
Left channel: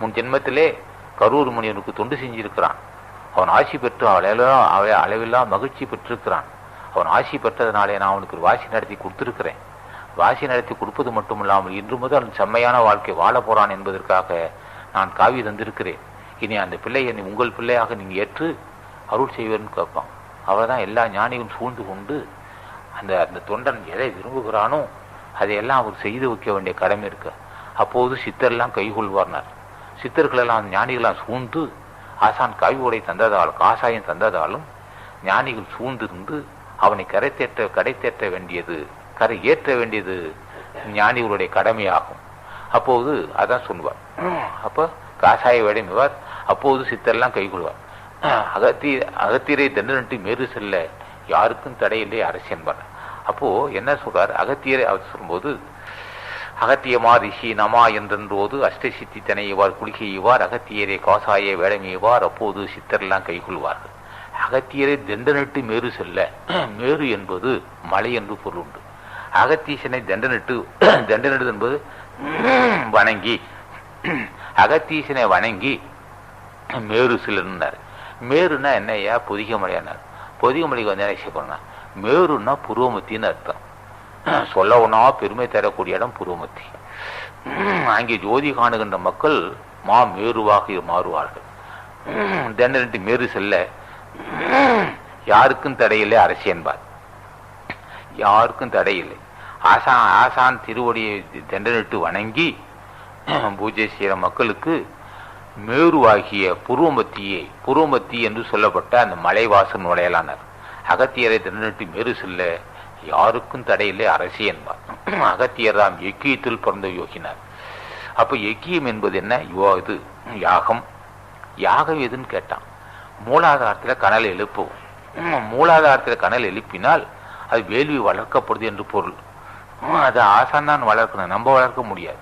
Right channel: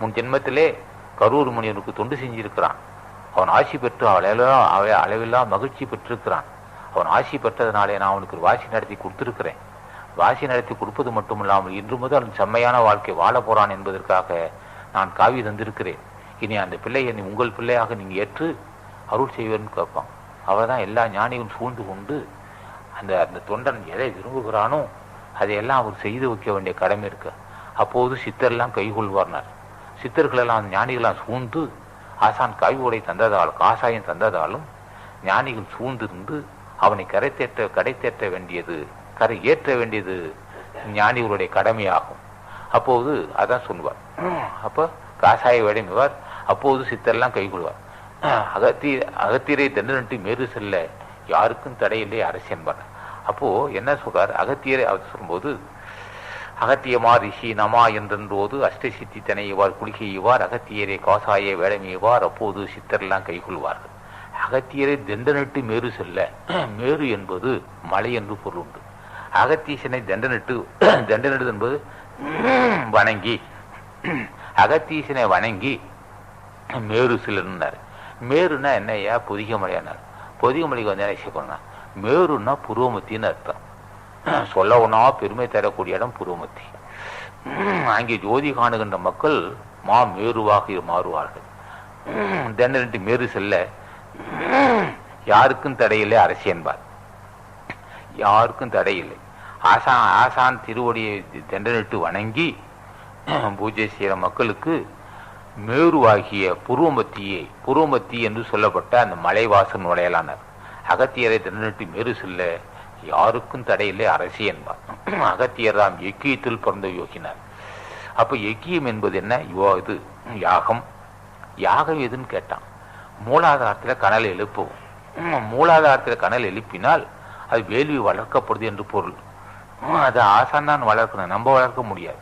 முன் ஜென்மத்திலே கரூர் முனிவனுக்கு தொண்டு செஞ்சிருக்கிறான். அவன் ஆசி பெற்று அளவெல்லாம் மகிழ்ச்சி பெற்றிருக்கிறான். அவன் ஆசி பெற்றதுனாலே நான் அவனுக்கு ஒரு வாசி நடத்தி கொடுத்திருக்கிறேன். வாசி நடத்தி கொடுப்பது மட்டும் இல்லாமல் இன்று முதல் செம்மையான வாழ்க்கை வாழ போறான் என்பதற்காக நான் காவி தந்திருக்கிறேன். இனி அந்த பிள்ளையை உங்கள் பிள்ளையாக நீங்கள் ஏற்று அருள் செய்வேன்னு கேட்பான். அவர்தான் எல்லா ஞானியும் சூழ்ந்து கொண்டு அந்த தொண்டன் எதை விரும்புகிறானோ அதையெல்லாம் அவர் செய்து வைக்க வேண்டிய கடமை இருக்கு. அப்போது சித்தர்லாம் கைகொள்வார்னார். சித்தர்களெல்லாம் ஞானிகளாம் சூழ்ந்து ஆசான் காய்வோடை தந்ததாலும் காசாயம் தந்ததாலும் ஞானிகள் சூழ்ந்திருந்து அவனை கரை தேற்ற வேண்டியது கரை ஏற்ற வேண்டியது ஞானிகளுடைய கடமையாகும். அப்போது அதான் சொல்லுவார். அப்போ காசாய வேடமைவார். அப்போது சித்தர்லாம் கைகொள்வார். அகத்தியரை தண்டனிட்டு மேறு செல்ல யாருக்கும் தடையில்லை அரசு என்பார். அப்போ என்ன சொல்றார்? அகத்தியரை அவர் சொல்லும்போது அகத்தியமா ரிஷி நமா என்றோது அஷ்டசித்தி தனையவார் குளிகையுவார் அகத்தியரை காசாய வேடமையவார். அப்போது சித்தரெல்லாம் கைகொள்வார்கள். அகத்தியரை தண்டனிட்டு மேறு செல்ல, மேறு என்பது மலை என்று பொருள் உண்டு. அகத்தீசனை தண்டனிட்டு என்பது வணங்கி, அகத்தீசனை வணங்கி மேரு செல்லுன்னார். மேருன்னா என்னையா? பொதிக மலையானார். பொதிக மலைக்கு வந்து என்ன செய்யப்படுனா மேருன்னா புருவமத்தின்னு அர்த்தம். சொல்ல ஒன்னா பெருமை தரக்கூடிய இடம் புருவமத்தி. அங்கே ஜோதி காணுகின்ற மக்கள் மேருவாக மாறுவார்கள். தண்டனிட்டு மேரு செல்ல யாருக்கும் தடையில்லை அரசு என்பார். யாருக்கும் தடையில்லை. ஆசான் திருவடியை தண்டனிட்டு வணங்கி பூஜை செய்கிற மக்களுக்கு மேருவாகிய புருவமத்தி என்று சொல்லப்பட்ட அந்த மலைவாசன் நுழையலானார். அகத்தியரை தண்டனிட்டு மேரு செல்ல யாருக்கும் தடையில்லை அரசு என்பார். அகத்தியர் தாம் எக்கியத்தில் பிறந்த யோகினார். அப்ப எக்கியம் என்பது என்ன? இது யாகம். யாகம் எதுன்னு கேட்டான். மூலாதாரத்தில் கனல் எழுப்புவோம். மூலாதாரத்தில் கனல் எழுப்பினால் அது வேள்வி வளர்க்கப்படுது என்று பொருள். அதை ஆசான் தான் வளர்க்கணும், நம்ம வளர்க்க முடியாது.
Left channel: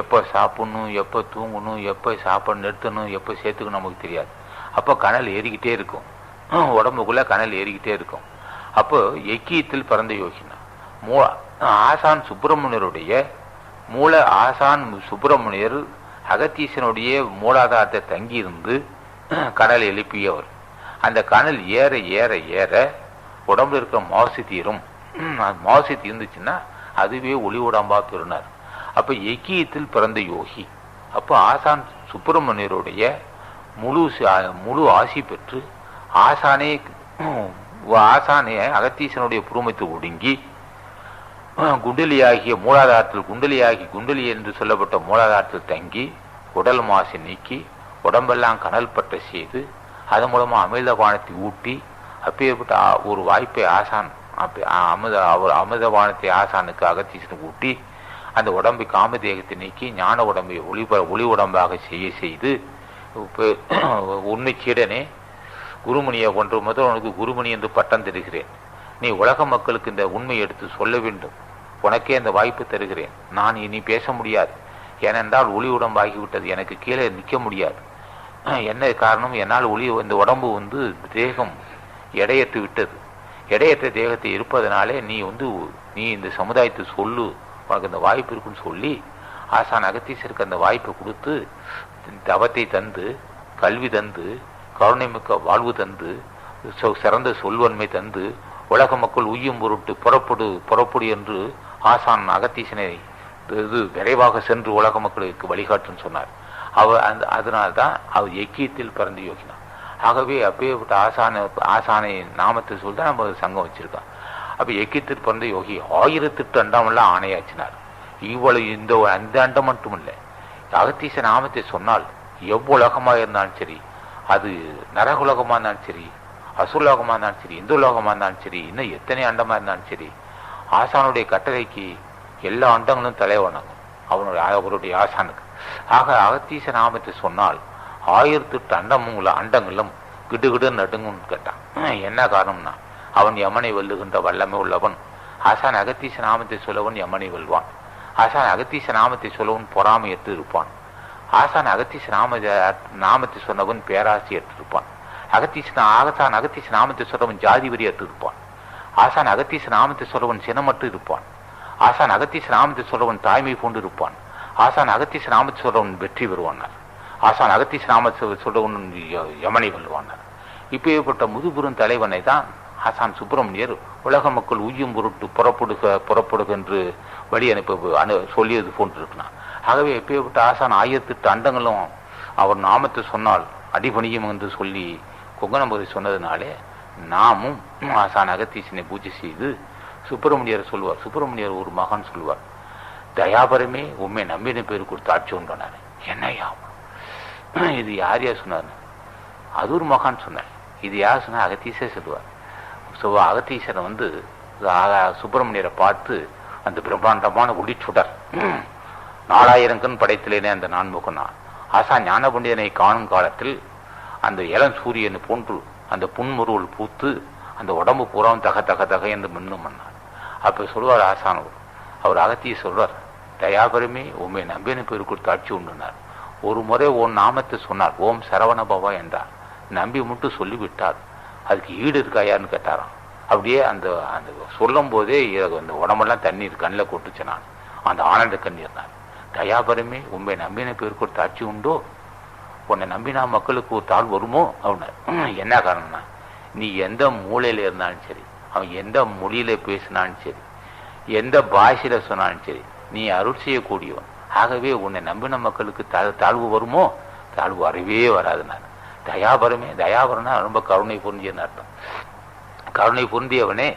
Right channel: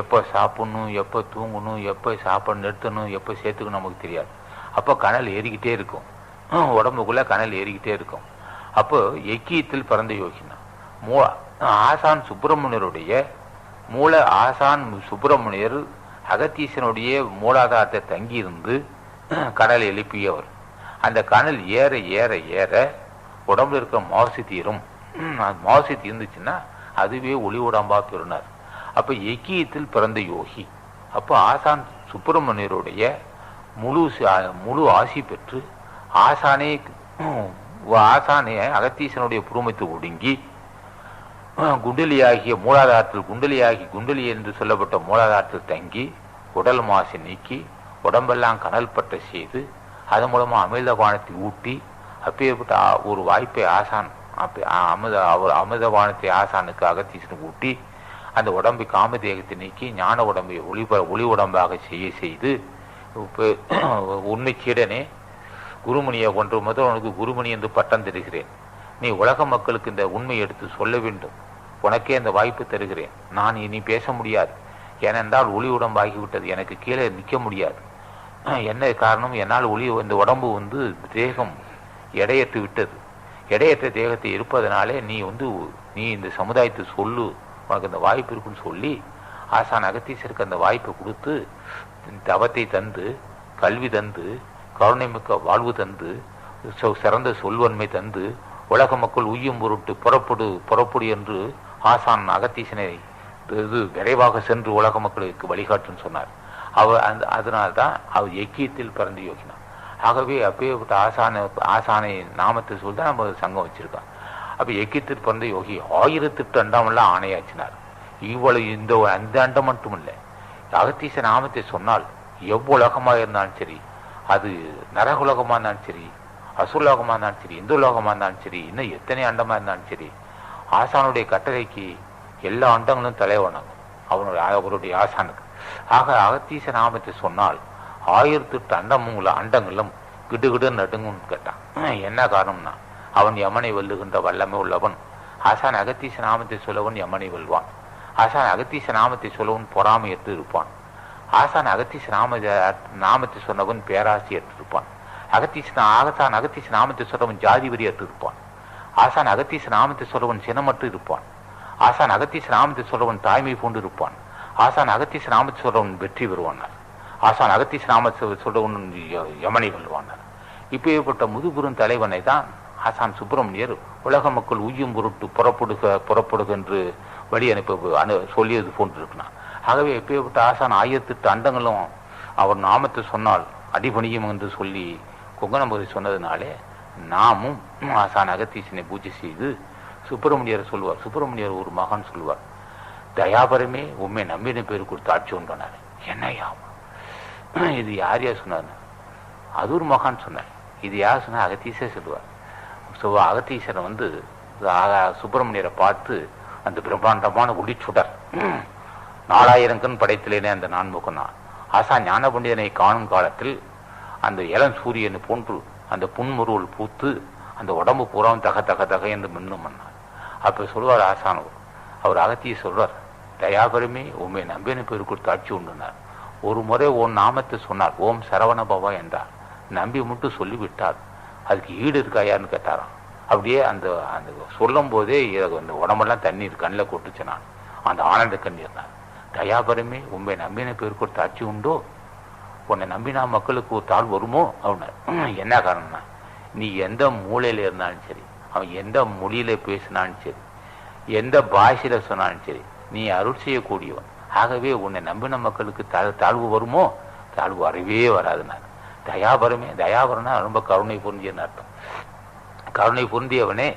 எப்போ சாப்பிடணும், எப்போ தூங்கணும், எப்போ சாப்பாடு நிறுத்தணும், எப்போ சேர்த்துக்கணும் நமக்கு தெரியாது. அப்போ கனல் ஏறிக்கிட்டே இருக்கும், உடம்புக்குள்ள கனல் ஏறிக்கிட்டே இருக்கும். அப்போ எக்கியத்தில் பிறந்த யோகினா ஆசான் சுப்பிரமணியருடைய ஆசான் சுப்பிரமணியர் அகத்தீசனுடைய மூலாதாரத்தை தங்கியிருந்து கனல் எழுப்பியவர். அந்த கனல் ஏற ஏற ஏற உடம்புல இருக்கிற மாசு தீரும். மாசு தீர்ந்துச்சுன்னா அதுவே ஒளி உடம்பா பெறுனார். அப்ப எக்கியத்தில் பிறந்த யோகி. அப்போ ஆசான் சுப்பிரமணியருடைய முழு ஆசி பெற்று ஆசானே அகத்தீசனுடைய புருமத்தை ஒடுங்கி குண்டலியாகிய மூலாதாரத்தில் குண்டலி என்று சொல்லப்பட்ட மூலாதாரத்தில் தங்கி உடல் மாசை நீக்கி உடம்பெல்லாம் கனல் பட்ட செய்து அதன் மூலமா அமிர்தபானத்தை ஊட்டி அப்பேற்பட்ட ஒரு வாய்ப்பை ஆசான் அமிர்தபானத்தை ஆசானுக்கு அகத்தீசனுக்கு ஊட்டி அந்த உடம்பை காமதேகத்தை நீக்கி ஞான உடம்பை ஒளி உடம்பாக செய்து உண்மை சீடனே குருமணியை கொன்று முதல் உனக்கு குருமணி என்று பட்டம் தருகிறேன். நீ உலக மக்களுக்கு இந்த உண்மை எடுத்து சொல்ல வேண்டும். உனக்கே அந்த வாய்ப்பு தருகிறேன். நான் இனி பேச முடியாது. ஏனென்றால் ஒளி உடம்பாகிவிட்டது. எனக்கு கீழே நிற்க முடியாது. என்ன காரணம்? என்னால் இந்த உடம்பு தேகம் எடையற்று விட்டது. எடையற்ற தேகத்தை இருப்பதனாலே நீ இந்த சமுதாயத்தை சொல்லு, உனக்கு அந்த வாய்ப்பு இருக்குன்னு சொல்லி ஆசான் அகத்தீசருக்கு அந்த வாய்ப்பை கொடுத்து தவத்தை தந்து கல்வி தந்து கருணை மிக்க வாழ்வு தந்து சிறந்த சொல்வன்மை தந்து உலக மக்கள் உய்யும் பொருட்டு புறப்படு என்று ஆசான் அகத்தீசனை விரைவாக சென்று உலக மக்களுக்கு வழிகாட்டுன்னு சொன்னார். அதனால்தான் அவர் எக்கியத்தில் பிறந்து யோகினார். ஆகவே அப்பேற்பட்ட ஆசானை நாமத்தை சொல்லிதான் நம்ம சங்கம் வச்சிருக்கோம். அப்ப எக்கியத்தில் பிறந்த யோகி 1008 அண்டமெல்லாம் ஆணையாச்சினார். இவ்வளவு அந்த அண்டம் மட்டும் இல்லை, அகத்தீச நாமத்தை சொன்னால் எவ்வுலகமாக இருந்தாலும் சரி, அது நரகுலகமா இருந்தாலும் சரி, அசுலோகமா இருந்தாலும் சரி, இந்து லோகமா இருந்தாலும் சரி, இன்னும் எத்தனை அண்டமா இருந்தாலும் சரி, ஆசானுடைய கட்டளைக்கு எல்லா அண்டங்களும் தலைவணங்கும் அவருடைய ஆசானுக்கு. ஆக அகத்தீச நாமத்தை சொன்னால் 1008 அண்டங்களும் கிடுகிடு நடுங்குன்னு கேட்டான். என்ன காரணம்னா அவன் யமனை வெல்லுகின்ற வல்லமை உள்ளவன். ஆசான் அகத்தீச நாமத்தை சொல்லவன் யமனை வெல்வான். ஆசான் அகத்தீச நாமத்தை சொல்லவன் பொறாமையற்று இருப்பான். ஆசான் அகத்தீச நாமத்தை சொன்னவன் பேராசியற்று இருப்பான். ஆசான் அகத்தீச நாமத்தை சொல்லவன் ஜாதி வரியற்று இருப்பான். ஆசான் அகத்தீச நாமத்தை சொல்லவன் சினமற்று இருப்பான். ஆசான் அகத்தீச நாமத்தை சொல்லவன் தாய்மை கொண்டு இருப்பான். ஆசான் அகத்தீச நாமத்தை சொல்றவன் வெற்றி பெறுவானார். ஆசான் அகத்தீச நாமத்தை சொல்றவன் யமனை வெல்லுவானார். இப்பேற்பட்ட முதுபெரும் தலைவனை தான் ஆசான் சுப்பிரமணியர் உலக மக்கள் உய்யும் பொருட்டு புறப்படுக என்று வழி சொல்லியது போன்றிருக்கிறான். ஆகவே எப்பேற்பட்ட ஆசான் 1008 அண்டங்களும் அவர் நாமத்தை சொன்னால் அடிபணியும் என்று சொல்லி கொங்கணபுரி சொன்னதுனாலே நாமும் ஆசான் அகத்தீசனை பூஜை செய்து சுப்பிரமணியர் சொல்லுவார். சுப்பிரமணியர் ஒரு மகான் சொல்லுவார், தயாபரமே உண்மை நம்பின பேர் கொடுத்து ஆட்சி உண்டானார். என்னையா இது யார் யார் சொன்னார்? அது ஒரு மகான் சொன்னார். இது யார் சொன்னா? அகத்தீசே சொல்லுவார். அகத்தீசரை சுப்பிரமணியரை பார்த்து அந்த பிரம்மாண்டமான ஒளிச்சுடர் 4000 கண் படைத்திலேனே அந்த நான்முகனா ஆசா ஞான பண்டிதனை காணும் காலத்தில் அந்த இளம் சூரியனை போன்று அந்த புன்முருவல் பூத்து அந்த உடம்பு பூராவும் தக தக தக என்று மின்னும் பண்ணார். அப்ப சொல்வார் ஆசானவர், அவர் அகத்திய சொல்வார், தயாபரமே உண்மை நம்பின பேர் கொடுத்து ஆட்சி உண்டுனார். ஒரு முறை ஓம் நாமத்தை சொன்னார், ஓம் சரவண பவா என்றார். நம்பி மட்டும் சொல்லிவிட்டார். அதுக்கு ஈடு இருக்காயான்னு கேட்டாராம். அப்படியே அந்த அந்த சொல்லும் போதே அந்த உடம்பெல்லாம் தண்ணீர் கண்ணில் கொட்டுச்சு. நான் அந்த ஆனந்த கண்ணீர் நான் தயாபரமே உண்மை நம்பின பேர் கொடுத்து ஆட்சி உண்டோ, உன்னை நம்பினா மக்களுக்கு ஒரு தாழ் வருமோ அவனை. என்ன காரணம்னா, நீ எந்த மூலையில இருந்தாலும் சரி, அவன் எந்த மொழியில பேசினாலும் சரி, எந்த பாஷையில சொன்னாலும் சரி, நீ அருள் செய்யக்கூடியவன். ஆகவே உன்னை நம்பின மக்களுக்கு தாழ்வு வருமோ? தாழ்வு வரவே வராது. நான் தயாபரமே, தயாபரனா ரொம்ப கருணை பொருந்தியன்னு அர்த்தம். கருணை பொருந்தியவனே,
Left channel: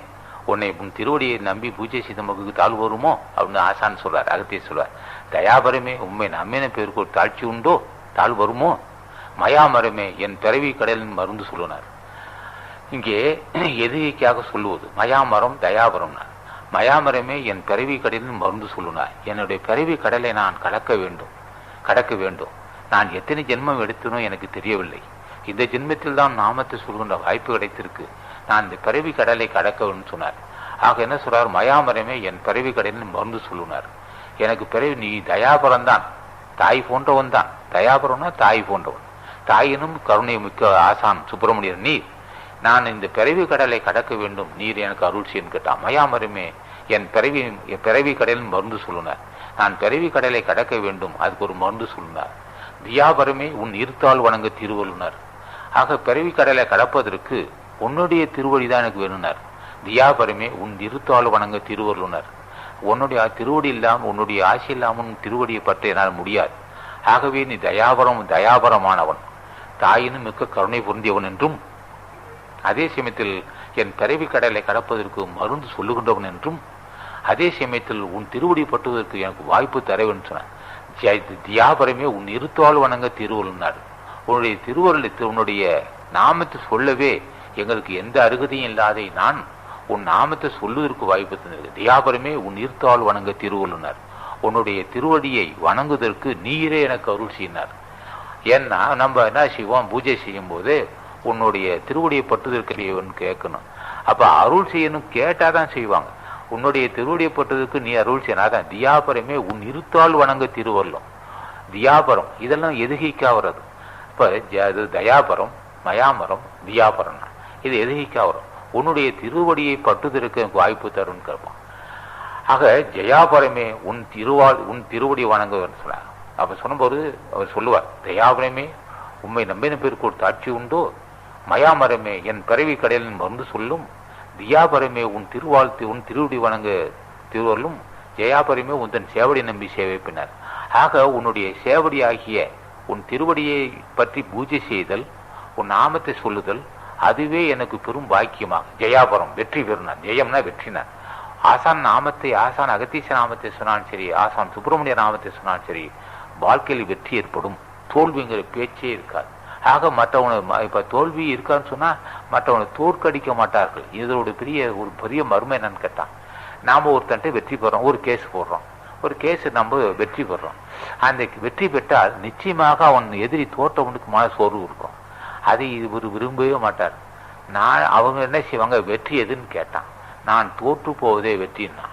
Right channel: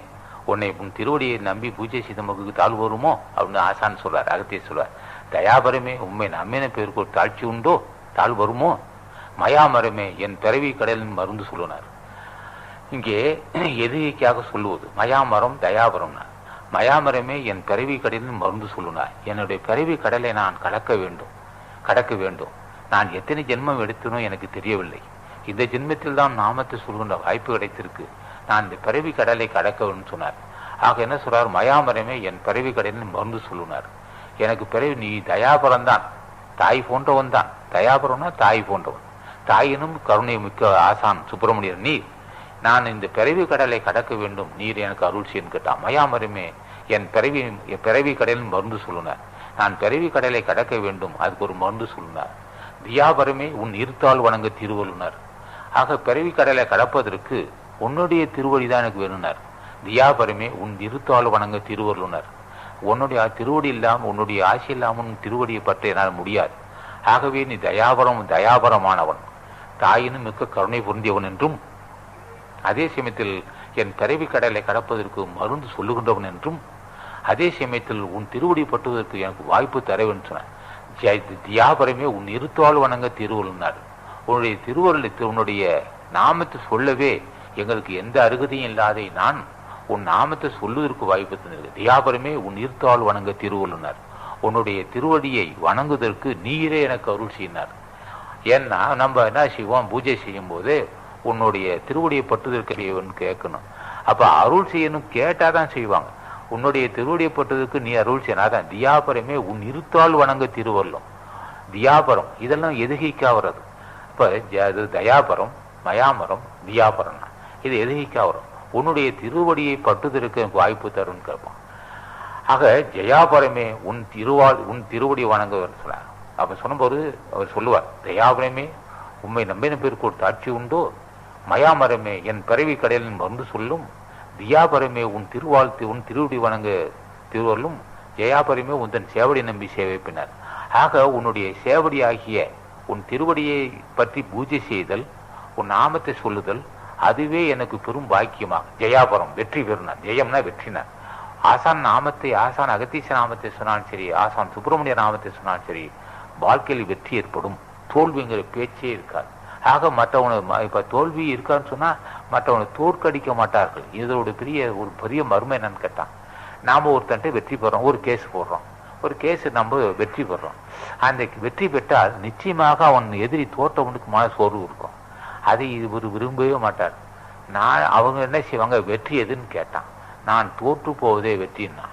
உன்னை உன் திருவடியை நம்பி பூஜை செய்த மக்களுக்கு தாழ்வு வருமோ அப்படின்னு ஆசான் சொல்றார். அகத்திய சொல்றார், தயாபரமே உண்மை நம்பின பேருக்கு ஒரு தாழ்ச்சி உண்டோ, தாழ் வருமோ? மயாமரமே என் பிறவி கடலின் மருந்து சொல்லுனார். இங்கே எதிரிக்காக சொல்லுவது மயாமரம் தயாபரம்னா. மயாமரமே என் பிறவி கடலின் மருந்து சொல்லுனார். என்னுடைய பிறவி கடலை நான் கடக்க வேண்டும். நான் எத்தனை ஜென்மம் எடுத்தனோ எனக்கு தெரியவில்லை. இந்த ஜென்மத்தில் தான் நாமத்தை சொல்கின்ற வாய்ப்பு கிடைத்திருக்கு. நான் இந்த பிறவி கடலை கடக்க வேண்டும் சொன்னார். ஆக என்ன சொல்றார்? மயாமரமே என் பிறவி கடலின் மருந்து சொல்லுனார். எனக்கு பிறவி நீ தயாபரம்தான், தாய் போன்றவன் தான். தயாபரம்னா தாய் போன்றவன். தாயினும் கருணை மிக்க ஆசான் சுப்பிரமணியர் நீ. நான் இந்த பிறவி கடலை கடக்க வேண்டும், நீர் எனக்கு அருள் செய்யன்னு கேட்டான். மயாமரமே என் பிறவி கடலின் மருந்து சொல்லுனார். நான் பிறவி கடலை கடக்க வேண்டும், அதுக்கு ஒரு மருந்து சொல்லுனார். தியாபரமே உன் இருத்தால் வணங்க திருவள்ளுனர். ஆக பிறவி கடலை கடப்பதற்கு உன்னுடைய திருவடிதான் எனக்கு வேணுனார். தியாபரமே உன் இருத்தால் வணங்க திருவள்ளுனர். உன்னுடைய திருவடி இல்லாமல், உன்னுடைய ஆசை இல்லாமல் திருவடியை பற்ற என்னால் முடியாது. ஆகவே நீ தயாபரமானவன், தாயினும் மிக்க கருணை பொருந்தியவன் என்றும், அதே சமயத்தில் என் பிறவி கடலை கடப்பதற்கு மருந்து சொல்லுகின்றவன் என்றும், அதே சமயத்தில் உன் திருவடி பட்டுவதற்கு எனக்கு வாய்ப்பு தர வேண்டும் சொன்னார். தியாபரமே உன் இருத்தால் வணங்க திருவள்ளுனார். உன்னுடைய திருவருளை, உன்னுடைய நாமத்தை சொல்லவே எங்களுக்கு எந்த அருகதையும் இல்லாத நான் உன் நாமத்தை சொல்லுவதற்கு வாய்ப்பு தந்திருக்கு. தியாபரமே உன் இருத்தால் வணங்க திருவள்ளுனார். உன்னுடைய திருவடியை வணங்குவதற்கு நீரே எனக்கு அருள் செய்யினார். ஏன்னா நம்ம என்ன செய்வோம், பூஜை செய்யும் போது உன்னுடைய திருவடியை பட்டுதற்கரியவன் கேட்கணும். அப்ப அருள் செய்யணும் கேட்டாதான் செய்வாங்க. உன்னுடைய திருவடியை பட்டதுக்கு நீ அருள் செய்யனாதான். தியாபரமே உன் இருத்தால் வணங்க திருவள்ளும். தியாபரம் இதெல்லாம் எதுகைக்கா வர்றது. இப்ப தயாபரம், மயாமரம், தியாபரம் இது எதுகைக்கா வரும். உன்னுடைய திருவடியை பட்டுதற்கு எனக்கு வாய்ப்பு தருன்னு கேட்பான். ஆக ஜெயாபரமே உன் திருவடி வணங்க சொன்னார். அப்ப சொன்னபோது அவர் சொல்லுவார், தயாபரமே உண்மை நம்பின பேருக்கு ஒரு தாட்சி உண்டோ, மயாமரமே என் பிறவி கடலின் மருந்து சொல்லும், தியாபரமே உன் திருவடி வணங்க திருவள்ளும், ஜெயாபரமே உன் தன் சேவடி நம்பி சேவைப்பினார். ஆக உன்னுடைய சேவடி ஆகிய உன் திருவடியை பற்றி பூஜை செய்தல், உன் நாமத்தை சொல்லுதல், அதுவே எனக்கு பெரும் பாக்கியமாக. ஜெயாபரம் வெற்றி பெறுனார். ஜெயம்னா வெற்றினார். ஆசான் நாமத்தை, ஆசான் அகத்தீச நாமத்தை சொன்னாலும் சரி, ஆசான் சுப்பிரமணிய நாமத்தை சொன்னாலும் சரி, வாழ்க்கையில் வெற்றி ஏற்படும். தோல்விங்கிற பேச்சே இருக்காது. ஆக மற்றவனை இப்ப தோல்வி இருக்கான்னு சொன்னா மற்றவனை தோற்கடிக்க மாட்டார்கள். இதோட ஒரு பெரிய மர்மம் என்னன்னு கேட்டான், நாம ஒருத்தன்ட்டு வெற்றி பெறோம், ஒரு கேஸ் போடுறோம், ஒரு கேஸ் நம்ம வெற்றி பெறோம். அந்த வெற்றி பெற்றால் நிச்சயமாக அவன் எதிரி தோற்றவனுக்கு மான சோர்வு இருக்கும். அதை இவர் விரும்பவே மாட்டார். அவங்க என்ன செய்வாங்க, வெற்றி எதுன்னு கேட்டான். நான் தோற்று போவதே வெற்றின்னா.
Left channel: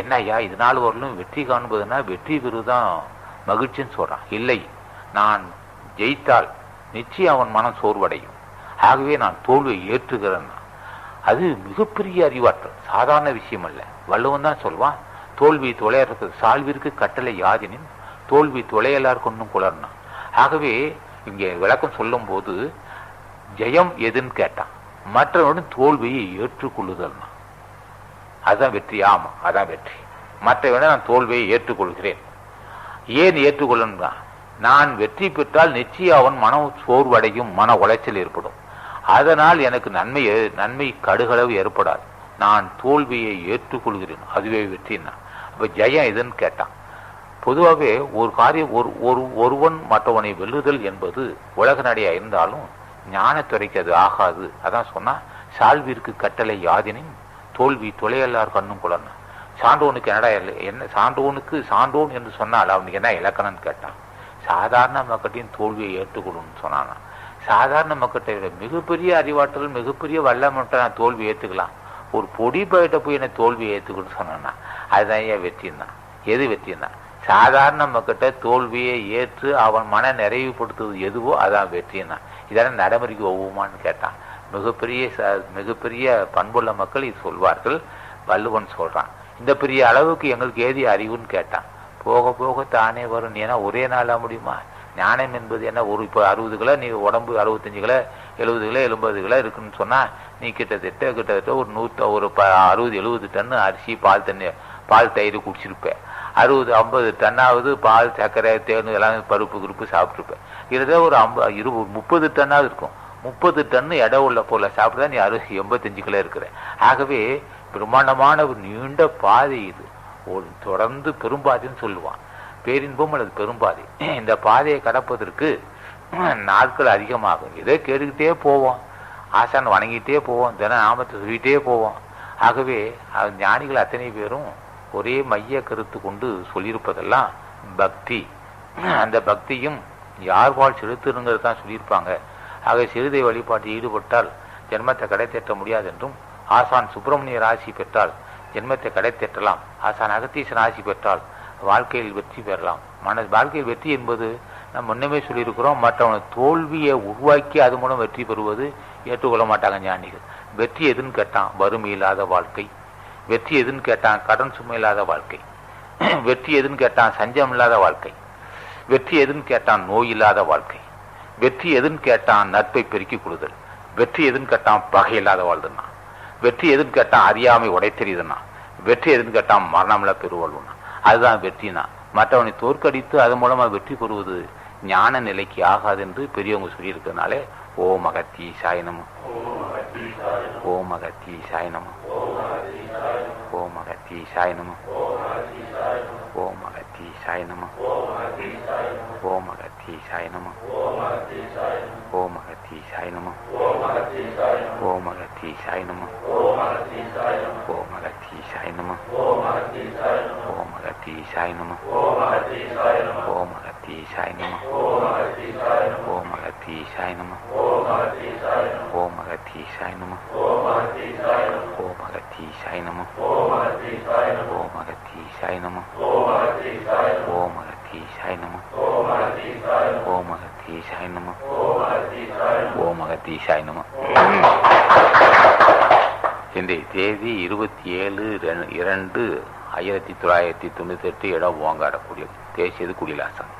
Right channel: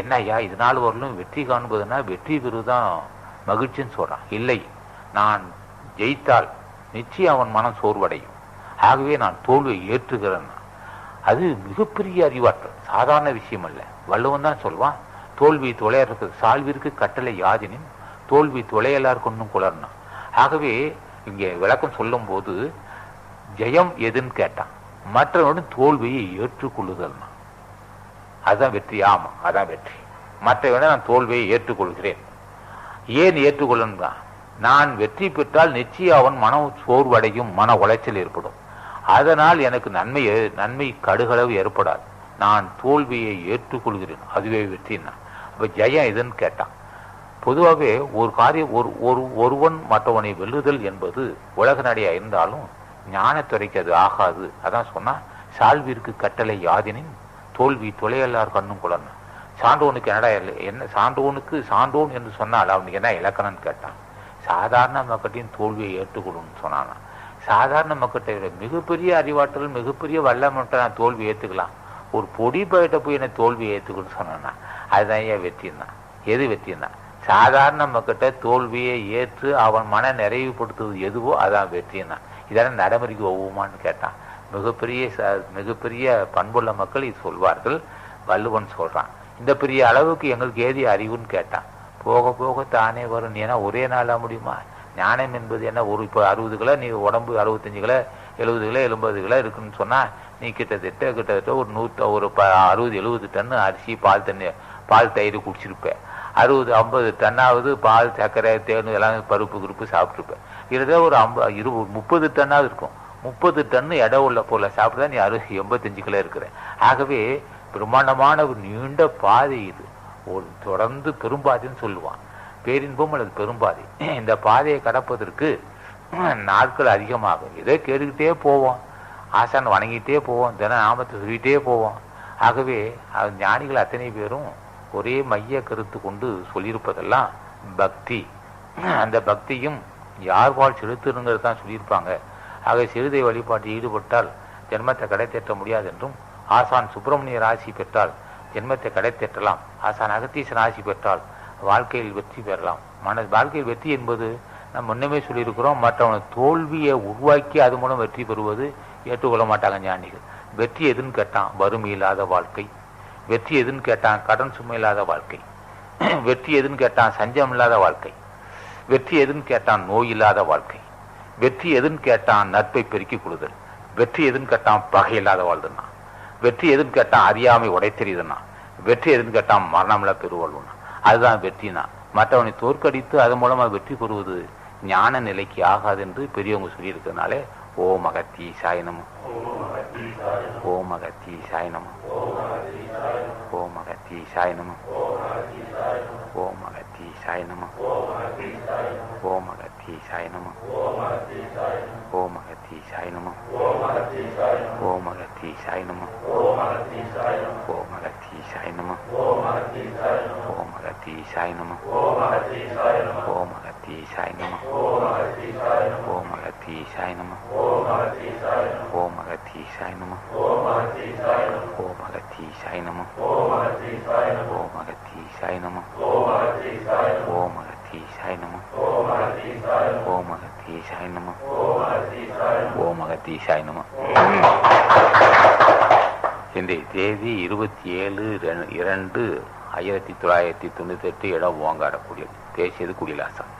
என்னையா இதனால் வரலும் வெற்றி காண்பதுன்னா வெற்றி பெறுதான் மகிழ்ச்சின்னு சொல்றான். இல்லை, நான் ஜெயித்தால் நிச்சயம் அவன் மனம் சோர்வடையும். ஆகவே நான் தோல்வியை ஏற்றுகிறேன். அது மிகப்பெரிய அறிவாற்றல், சாதாரண விஷயம் அல்ல. வள்ளுவன் தான் சொல்வான், தோல்வி தொலையறது சால்விற்கு கட்டளை யாதினின் தோல்வி தொலையலார் கொன்னும் குளர்னா. ஆகவே இங்கே விளக்கம் சொல்லும் போது ஜெயம் எதுன்னு கேட்டான், மற்றவனுடன் தோல்வியை ஏற்றுக்கொள்ளுதல்னா அதுதான் வெற்றி. ஆமா, அதான் வெற்றி. மற்றவனை நான் தோல்வியை ஏற்றுக்கொள்கிறேன். ஏன் ஏற்றுக்கொள்ளணும்னா, நான் வெற்றி பெற்றால் நிச்சயம் அவன் மன சோர்வடையும், மன உளைச்சல் ஏற்படும். அதனால் எனக்கு நன்மை கடுகளவு ஏற்படாது. நான் தோல்வியை ஏற்றுக்கொள்கிறேன், அதுவே வெற்றினா. அப்ப ஜெயம் எதுன்னு கேட்டான். பொதுவாகவே ஒரு காரியம் ஒருவன் மற்றவனை வெல்லுதல் என்பது உலக நடையா இருந்தாலும் ஞானத்துறைக்கு அது ஆகாது. அதான் சொன்னா, சால்விற்கு கட்டளை யாதினின் தோல்வி தொலையல்லார் கண்ணும் குளர்னா. சான்றோனுக்கு என்னடா என்ன, சான்றோன் என்று சொன்னால் அவனுக்கு என்ன இலக்கணம்னு கேட்டான். சாதாரண மக்கட்டையும் தோல்வியை ஏற்றுக்கொள்ளும்னு சொன்னானா. சாதாரண மக்கட்டை விட மிகப்பெரிய அறிவாற்றல், மிகப்பெரிய வல்லமட்ட நான் தோல்வி ஏற்றுக்கலாம். ஒரு பொடி பயிட்ட போய் என்ன தோல்வியை ஏற்றுக்கணும்னு சொன்னான்னா அதுதான் ஏன் வெற்றிந்தான். எது வெற்றின்னா, சாதாரண மக்கட்ட தோல்வியை ஏற்று அவன் மன நிறைவுபடுத்துவது எதுவோ அதான் வெற்றின்னா. இதெல்லாம் நடைமுறைக்கு ஒவ்வுமான்னு கேட்டான். மிகப்பெரிய பண்புள்ள மக்கள் இது சொல்வார்கள். வள்ளுவன் சொல்றான், இந்த பெரிய அளவுக்கு எங்களுக்கு ஏதி அறிவுன்னு கேட்டான். போக போக தானே வரும். ஏன்னா ஒரே நாளாக முடியுமா? ஞானம் என்பது என்ன, ஒரு இப்போ 60 கிலோ நீ உடம்பு 65 கிலோ 70 கிலோ 80 கிலோ இருக்குன்னு சொன்னா நீ கிட்டத்தட்ட ஒரு 60-70 டன்னு அரிசி பால் தயிர் குடிச்சிருப்பேன். 60-50 டன்னாவது பால் சர்க்கரை தேன் எல்லாம் பருப்பு குருப்பு சாப்பிட்ருப்பேன். இதுதான் ஒரு 30 டன்னாவது இருக்கும். 30 டன்னு இடம் உள்ள பொருளை சாப்பிட்டா நீ 85 கிலோ இருக்கிற. ஆகவே பிரம்மாண்டமான ஒரு நீண்ட பாதை இது. ஒரு தொடர்ந்து பெரும்பாதைன்னு சொல்லுவான். பேரின்பம் அல்லது பெரும்பாதை. இந்த பாதையை கடப்பதற்கு நாட்கள் அதிகமாகும். இதை கேட்டுக்கிட்டே போவோம், ஆசான் வணங்கிட்டே போவோம், தின நாமத்தை சொல்லிகிட்டே போவோம். ஆகவே ஞானிகள் அத்தனை பேரும் ஒரே மைய கருத்து கொண்டு சொல்லியிருப்பதெல்லாம் பக்தி. அந்த பக்தியும் யார் வாழ் செலுத்துங்கிறது தான் சொல்லியிருப்பாங்க. ஆக சிறுதை வழிபாட்டில் ஈடுபட்டால் ஜென்மத்தை கடை தேற்ற முடியாது என்றும், ஆசான் சுப்பிரமணியர் ஆசி பெற்றால் ஜென்மத்தை கடை தேற்றலாம், ஆசான் அகத்தீசன் ஆசி பெற்றால் வாழ்க்கையில் வெற்றி பெறலாம். வாழ்க்கையில் வெற்றி என்பது நம்ம முன்னமே சொல்லியிருக்கிறோம், மற்றவனை தோல்வியை உருவாக்கி அது மூலம் வெற்றி பெறுவது ஏற்றுக்கொள்ள மாட்டாங்க ஞானிகள். வெற்றி எதுன்னு கேட்டான், வறுமை இல்லாத வாழ்க்கை. வெற்றி எதுன்னு கேட்டான், கடன் சுமை இல்லாத வாழ்க்கை. வெற்றி எதுன்னு கேட்டான், சஞ்சம் இல்லாத வாழ்க்கை. வெற்றி எதுன்னு கேட்டான், நோய் இல்லாத வாழ்க்கை. வெற்றி எதுன்னு கேட்டான், நட்பை பெருக்கி கொடுதல். வெற்றி எதுன்னு கேட்டான், பகை இல்லாத வாழ்துன்னா. வெற்றி எதுன்னு கேட்டான், அறியாமை உடை தெரியுதுன்னா. வெற்றி எதுன்னு கேட்டான், மரணமில்லா பெருவாழ்வுனா. அதுதான் வெற்றினா. மற்றவனை தோற்கடித்து அது மூலமா வெற்றி பெறுவது ஞான நிலைக்கு ஆகாது என்று பெரியவங்க சொல்லியிருக்கிறதுனாலே ஓம் அகத்தீசாய நமः, ஓம் அகத்தீசாய நமः, ஓம் அகத்தீசாய நமः, ஓம் அகத்தீசாய நமः, ஓம் அகத்தீசாய நமः, ஓம் அகத்தீசாய நமः, ஓம் அகத்தீசாய நமः, ஓம் அகத்தீசாய நமः, ஓம் அகத்தீசாய நமः, ஓம் அகத்தீசாய நமः, ஓம் அகத்தீசாய நமः, ஓம் அகத்தீசாய நமः, ஓம் அகத்தீசாய நமः, ஓம் அகத்தீசாய நமः, ஓம் அகத்தீசாய நமः, ஓம் அகத்தீசாய நமः, ஓம் அகத்தீசாய நமः. இன்றைய தேதி 27/2/1998, இடம் ஓங்காடக்கூடியது. பேசியது குடிலாசன்.